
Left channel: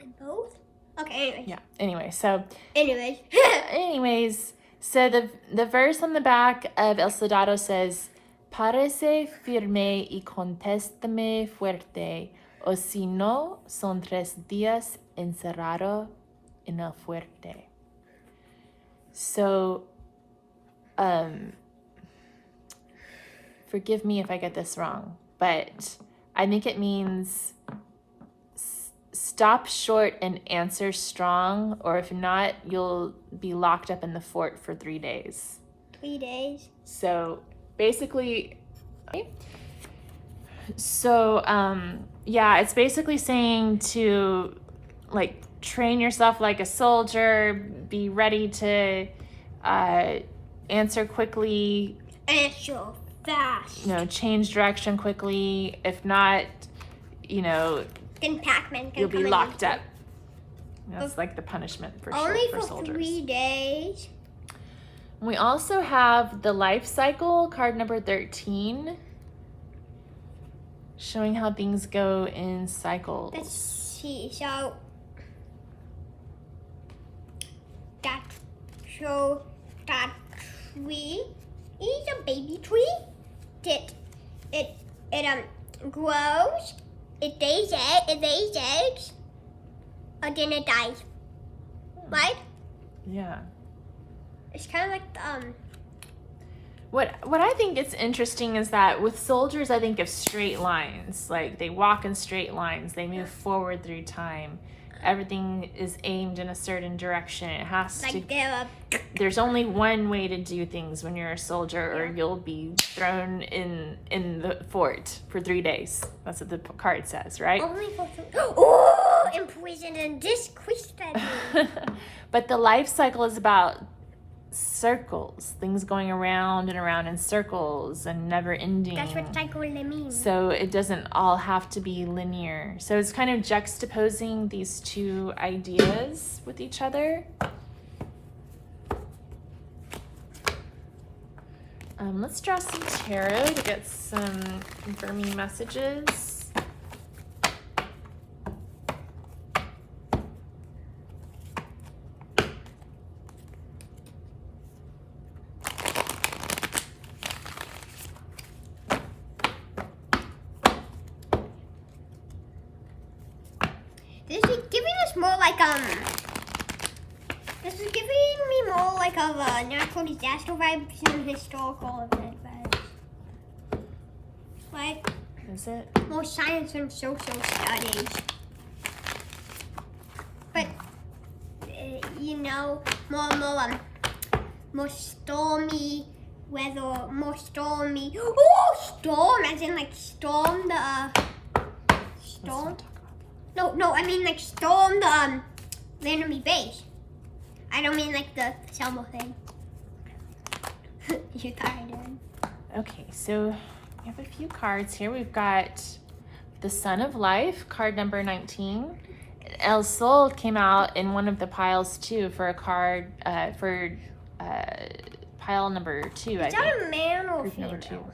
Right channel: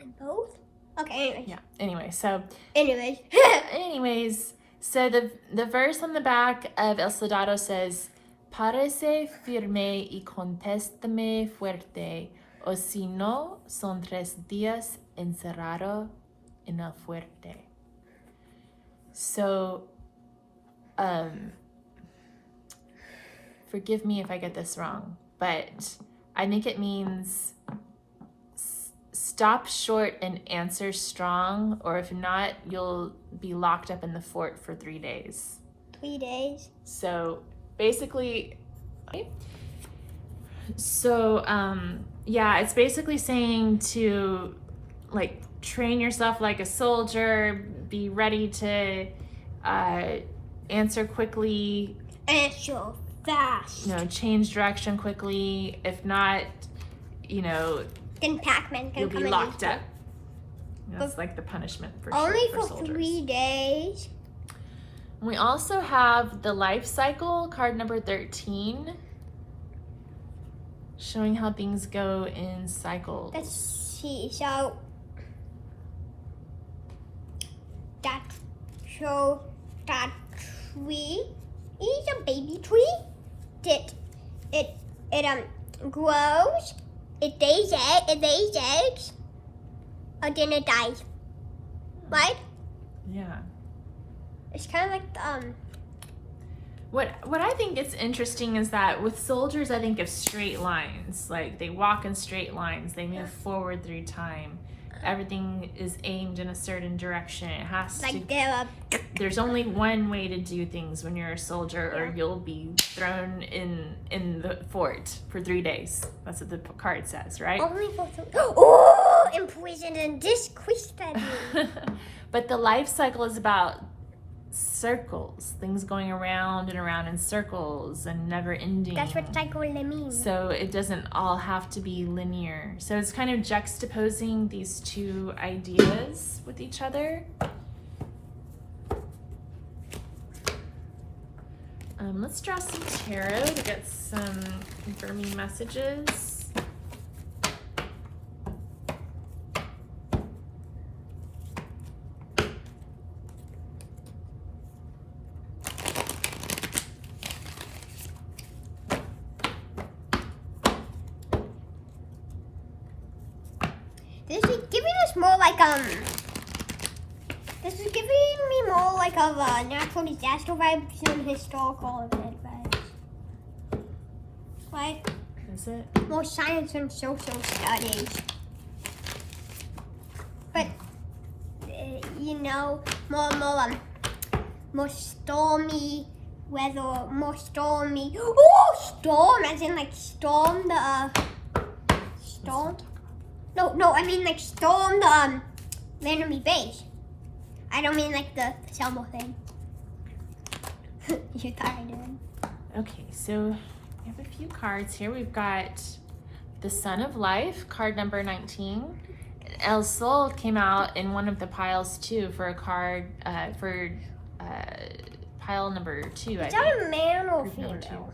in both? Okay, anyways. Yeah, anyway, so... Anyways. So the verse on the back of El Soldado says, Parece firme y contéstame fuerte, o si no, son 3 días encerrado en el fuerte. So, forgive me if I get this wrong, but I think it means stop short and answer strong, or if not, you'll be locked up in the fort for 3 days. 3 days. So basically, it's basically saying to like train yourself like a soldier, be ready to answer quickly, Answer fast. Change direction quickly. If not, then Pac-Man can you'll be come locked in. up. That's like the punishment for Only for for soldiers. 3 days. We also have the life cycle, card number 13, showing how things go in cycles. Let's see. So that tree is a baby tree. It grows. It lays eggs. And then it dies. Right? Yeah. It's kind of like What I think is interesting is that with soldiers, I think of straight lines. Like they walk in straight lines. They move forward through time. Everything is aimed in a certain direction. It has like to. There's only one way to do things when you're a soldier, or you'll be thrown in the fort for 3 days. That's what the card says, right? only for oh, imprisoned and discretion. But the life cycle is about circles, things going around and around in circles and never ending. That's what cycle means. So it doesn't all have to be linear. So it's kind of juxtaposing these two ideas with each other. Let's draw some tarot to get some confirming messages. This is giving us more like This is giving me more like of natural disaster vibes than historical event vibes. Like Is it? more science and social studies. But more stormy weather, more stormy. Oh, storm! As in like storm the storm. No, I mean like storm the enemy base. I don't mean like the Selma thing. You kind of did. Okay, so we have a few cards here. We've got the Sun of Life, card number 19. El Sol came out in one of the piles too for a card pile number 2. Is that a man or Group number female?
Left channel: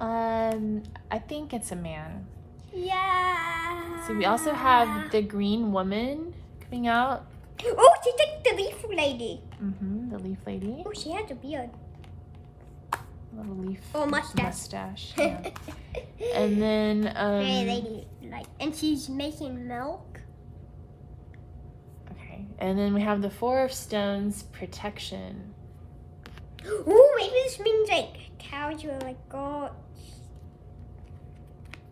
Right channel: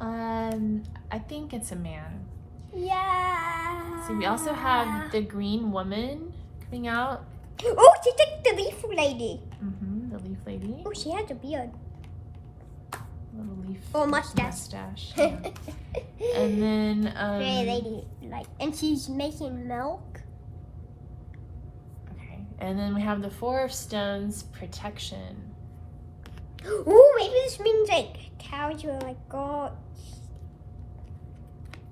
2. I think it's a man. Yeah. So we also have the Green Woman coming out. Oh, she's like the leaf lady. The Leaf Lady. Oh, she has a beard. Little leaf Oh, mustache. Yeah. And then Hey, lady, and she's making milk. okay. And then we have the Four of Stones, Protection. Ooh, maybe this means like cows are like gods.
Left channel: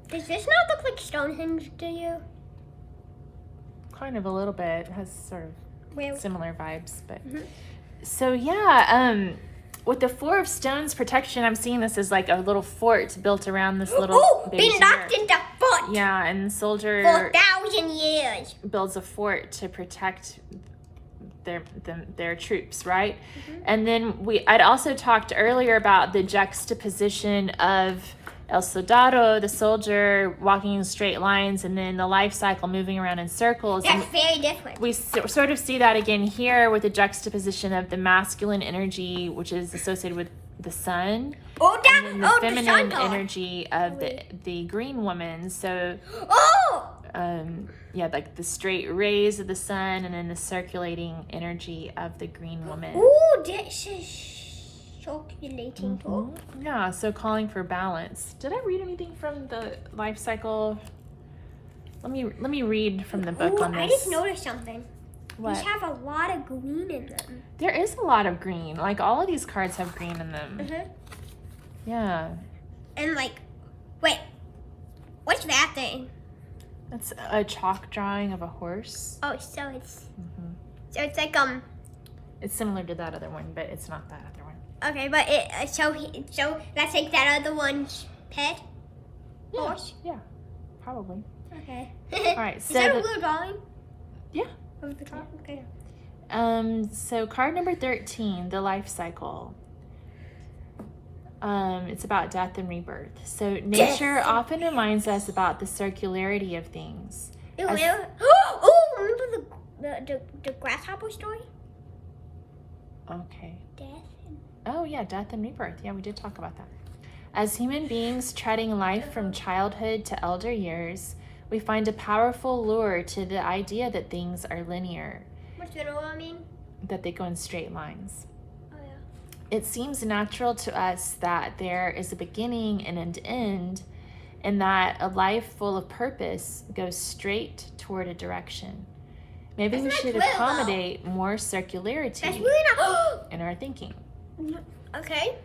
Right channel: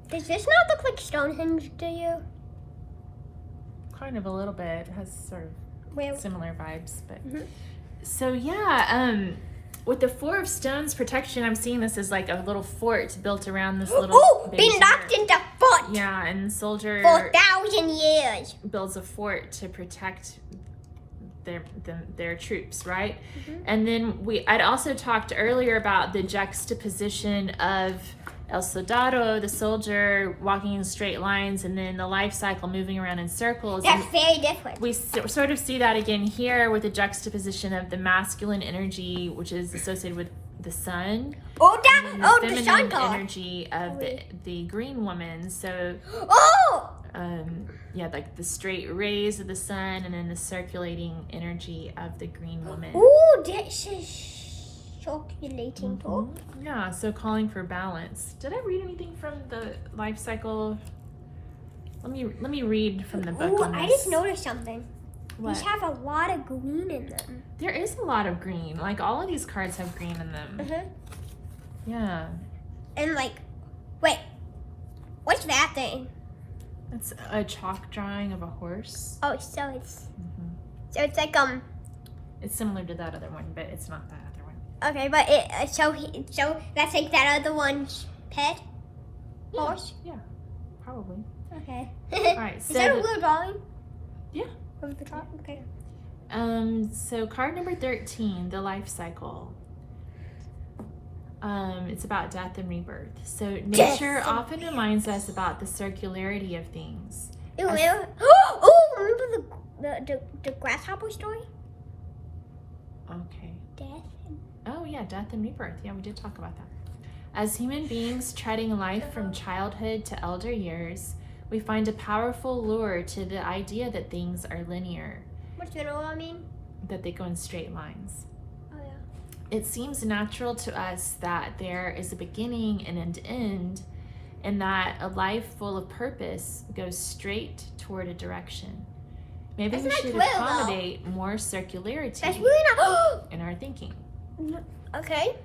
Does this not look like Stonehenge to you? Kind of a little bit. It has sort of Where? similar vibes, but Mhm. so yeah, with the Four of Stones protection, I'm seeing this as like a little fort built around this little Oh, base been locked area. into fort Yeah, and the soldier for 1,000 years. builds a fort to protect their troops, right? Mm-hmm. And then I'd also talked earlier about the juxtaposition of El Soldado, the soldier, walking in straight lines, and then the life cycle moving around in circles. That's And very different. we sort of see that again here with the juxtaposition of the masculine energy, which is associated with the sun, Oh, and the the feminine sun god. energy of the green woman. So Oh! like the straight rays of the sun, and then the circulating energy of the green woman. Ooh, this is circulating too. Yeah, so calling for balance. Did I read anything from the life cycle? Let me read from the book Ooh, on this. I just noticed something. What? These have a lot of green in them. There is a lot of green. Like all of these cards have green in them. Uh-huh. Yeah. And like, wait. What's that thing? It's a chalk drawing of a horse. Oh, so it's Mm-hmm. so it's like It's similar to that other one, but it's not that other one. okay, but so that's like that other one's pet horse. Yeah, probably. Okay. All right, Is so that a blue drawing? Yeah. From the top. Okay. So card number 13, the life cycle. It's about death and rebirth. So nature often reminds us about the circularity of things. Ew, As- remember the grasshopper story? Okay. Death. Oh yeah, death and rebirth. Yeah, we did talk about that. As human beings treading life from childhood to elder years, we find a powerful lure to the idea that things are linear, What's that all mean? that they go in straight lines. Oh yeah. It seems natural to us that there is a beginning and an end, and that a life full of purpose goes straight toward a direction. Maybe we Isn't that should true, though? accommodate more circularity That's really not. in our thinking. Okay.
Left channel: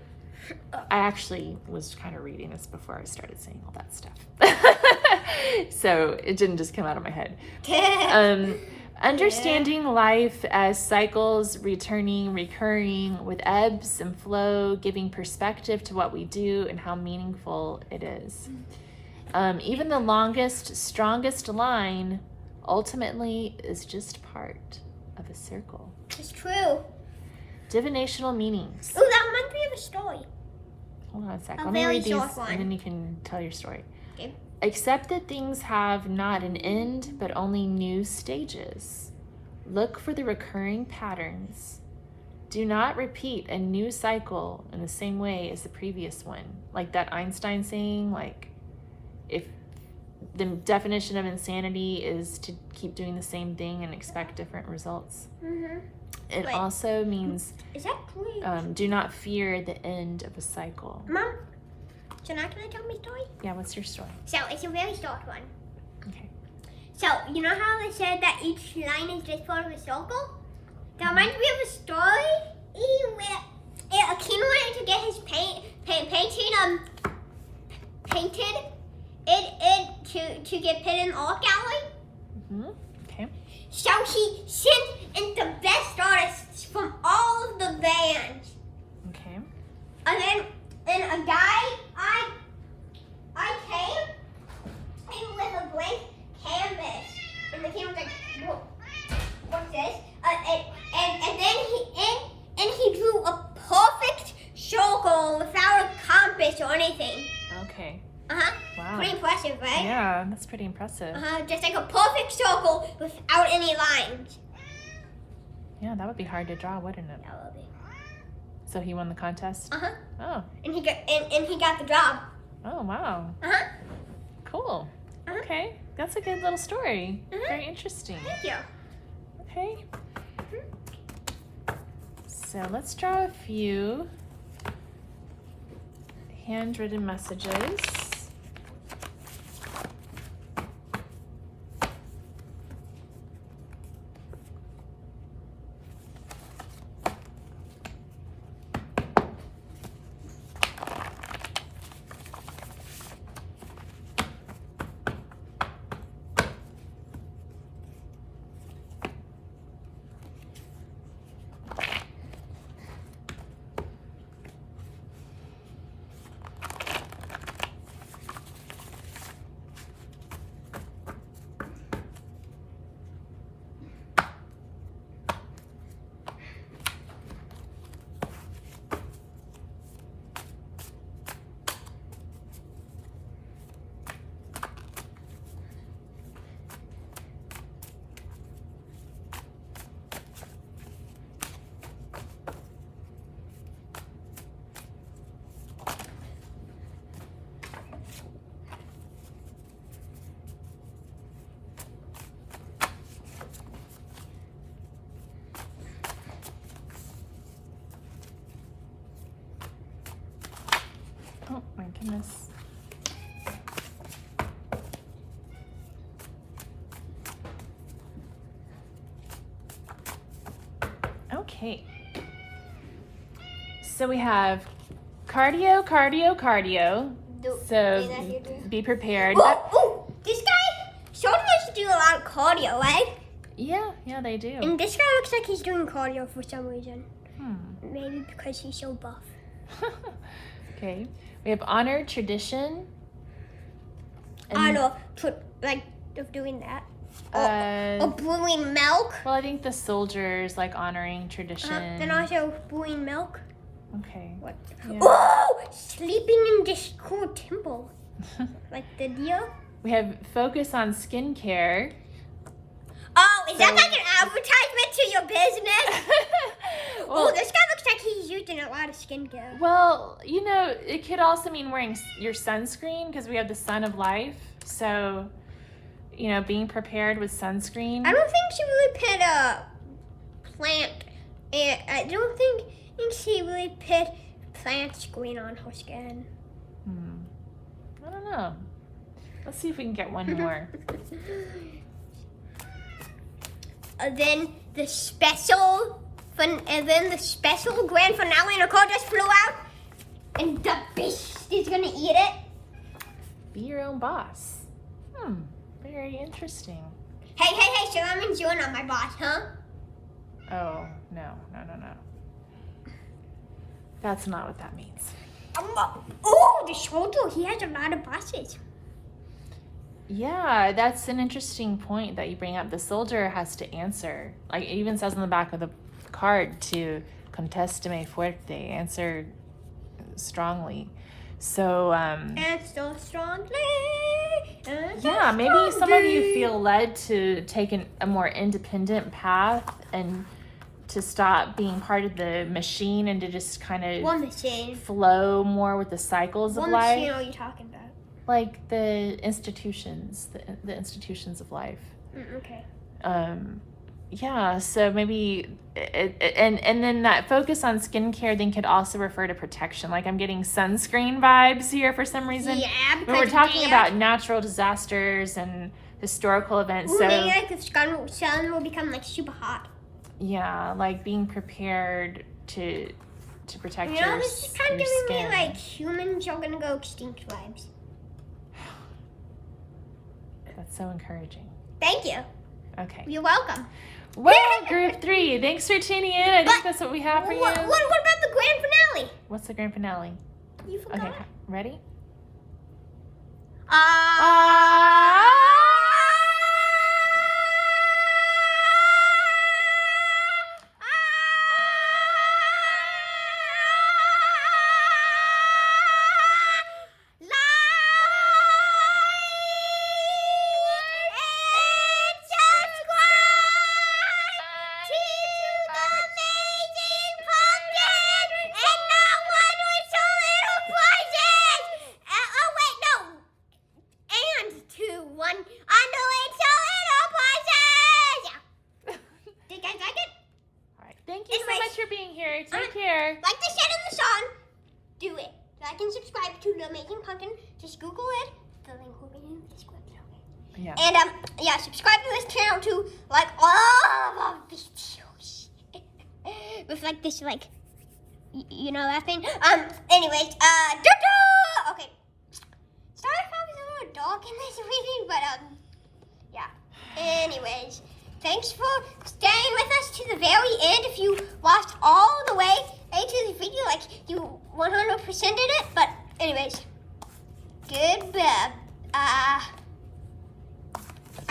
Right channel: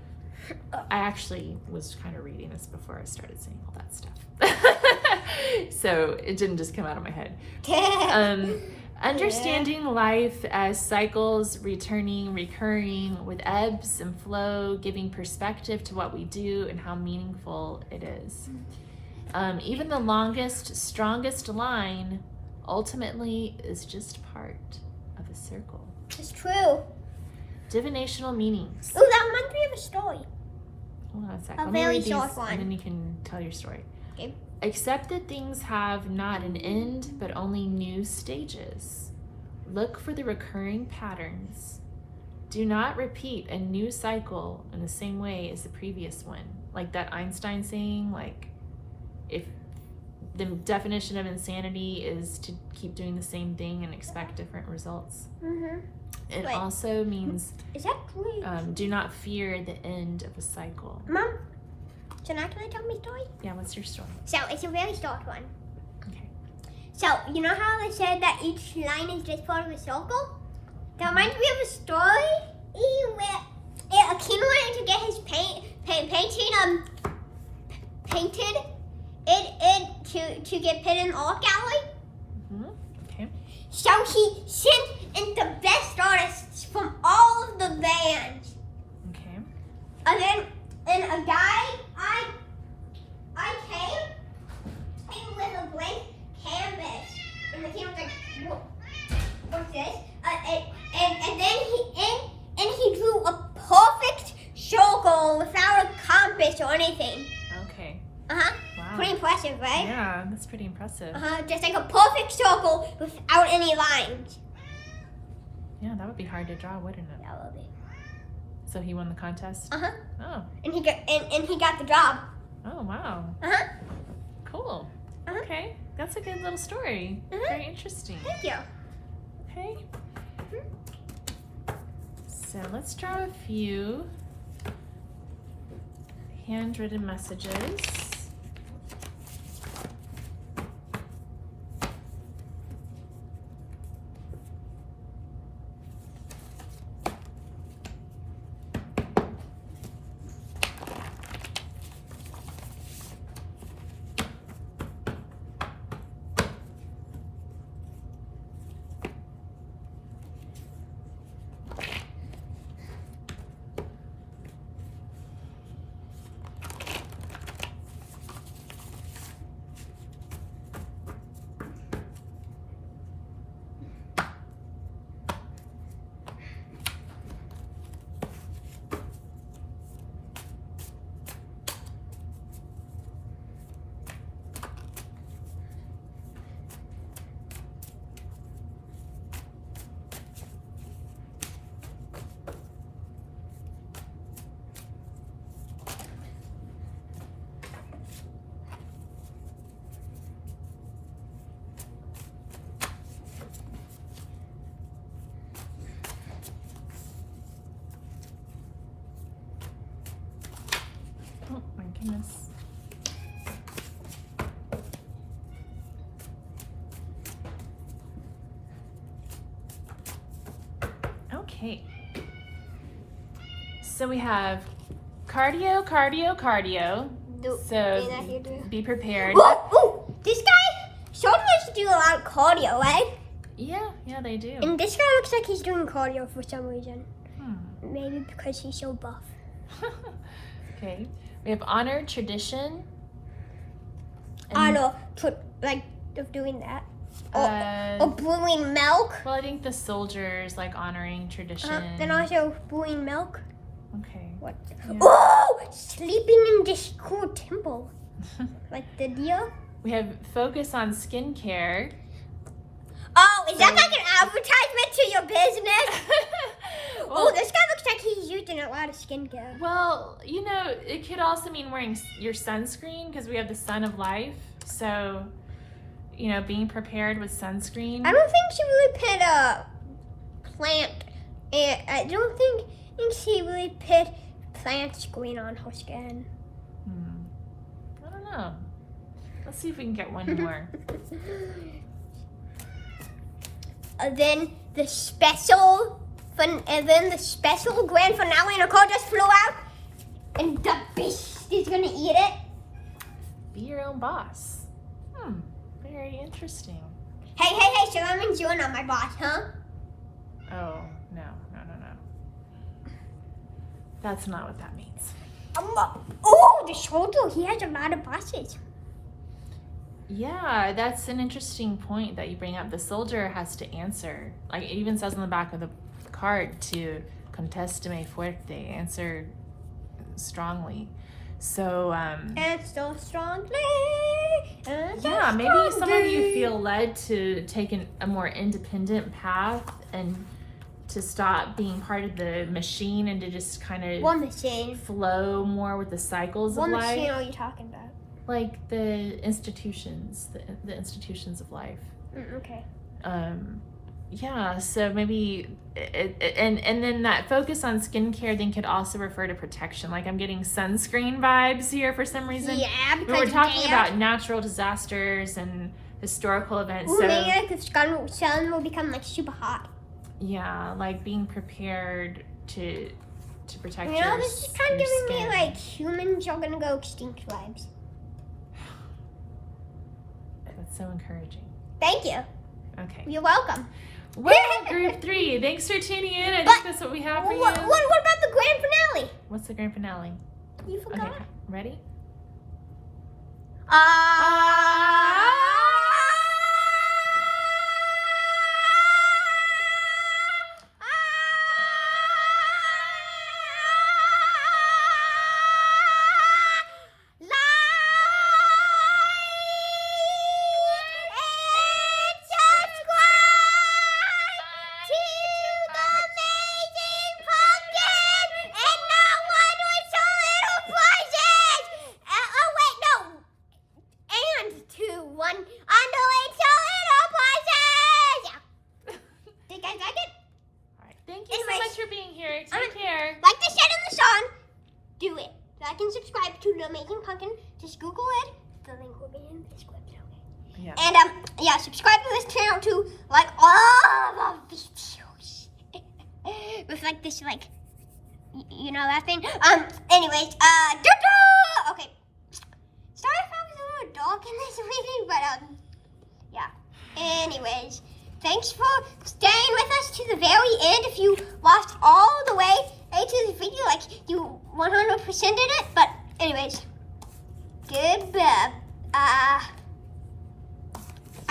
I actually was kind of reading this before I started saying all that stuff. So it didn't just come out of my head. Understanding life as cycles, returning, recurring, with ebbs and flow, giving perspective to what we do and how meaningful it is. Even the longest, strongest line ultimately is just part of a circle. It's true. Divinational meanings. Oh, that reminds me of a story. Hold on a sec. A Let me very read these short one. and then you can tell your story. Okay. Accept that things have not an end, but only new stages. Look for the recurring patterns. Do not repeat a new cycle in the same way as the previous one. Like that Einstein saying, like, if the definition of insanity is to keep doing the same thing and expect different results. Mm-hmm. It Wait. also means Is that true? do not fear the end of a cycle. Mom, so now can I tell my story? Yeah, what's your story? So it's a very short one. Okay. So you know how I said that each line is just part of a circle? That reminds me of a story where a kid wanted to get his painted to get put in art gallery. Mm-hmm. Okay. So he sent in the best artists from all of the bands. Okay. And then a guy I came with a blank canvas. And the kid was like, whoa, what's this? And he drew a perfect circle without a compass or anything. Okay. Uh-huh. Wow. Pretty impressive, right? Yeah, that's pretty impressive. Uh-huh. Just like a perfect circle without any lines. Yeah, that would be hard to draw, wouldn't it? That would be. So he won the contest? Uh-huh. Oh. And he got the job. Oh, wow. Uh-huh. Cool. Uh-huh. Okay. That's a good little story. Mhm. Very interesting. Thank you. Okay. So let's draw a few handwritten messages. Oh my goodness. Okay. So we have cardio, cardio, cardio, So be prepared. Ooh, this guy, Soldado likes to do a lot of cardio, right? Yeah, they do. And this guy looks like he's doing cardio for some reason. Maybe because he's so buff. Okay. We have honor, tradition. Honor, of doing that. Or brewing milk. Well, I think the soldiers like honoring tradition. Then also brewing milk. Okay. What? Yeah. Oh, sleeping in this cool temple. Like the deer. We have focus on skincare. Oh, is that like an advertisement to your business? Well, this guy looks like he's using a lot of skincare. Well, it could also mean wearing your sunscreen because we have the sun of life. So, being prepared with sunscreen. I don't think she really put a plant. I don't think she really put plant screen on her skin. I don't know. Let's see if we can get one more. Then the special grand finale, and a car just flew out, and the beast is gonna eat it. Be your own boss. Very interesting. Hey, so that means you're not my boss, huh? Oh, no. That's not what that means. The soldier, he has a lot of bosses. Yeah, that's an interesting point that you bring up. The soldier has to answer. Like it even says on the back of the card to contestame fuerte, answer strongly. So, And so strongly. yeah, maybe some of you feel led to take a more independent path and to stop being part of the machine and to just kind of flow more with the cycles of life. What machine are you talking about? Like the institutions, the institutions of life. Okay. Yeah, so maybe, and then that focus on skincare then could also refer to protection. Like I'm getting sunscreen vibes here for some reason. Yeah, because we're talking about natural disasters and historical events. So maybe like the sun will become like super hot. Yeah, like being prepared to protect this is kind of your giving skin. me like humans are gonna go extinct vibes. That's so encouraging. Thank you. Okay. You're welcome. Well, group 3, thanks for tuning in. I think that's what we have for you. What about the grand finale? What's the grand finale? You forgot? Okay, ready? Subscribe to The Amazing Pumpkin. Just Google it. The link will be in the description. Yeah. And subscribe to this channel to like all of our videos. With like this that thing. Anyways, okay. Sorry if I was a little dark in this reading, but yeah. Anyways, thanks for staying with us to the very end. If you watched all the way to the video, like you 100%ed it. But anyways, goodbye.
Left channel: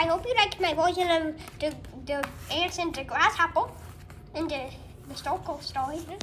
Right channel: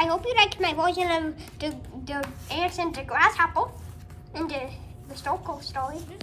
I hope you liked my version of the ants and the grasshopper and the historical story.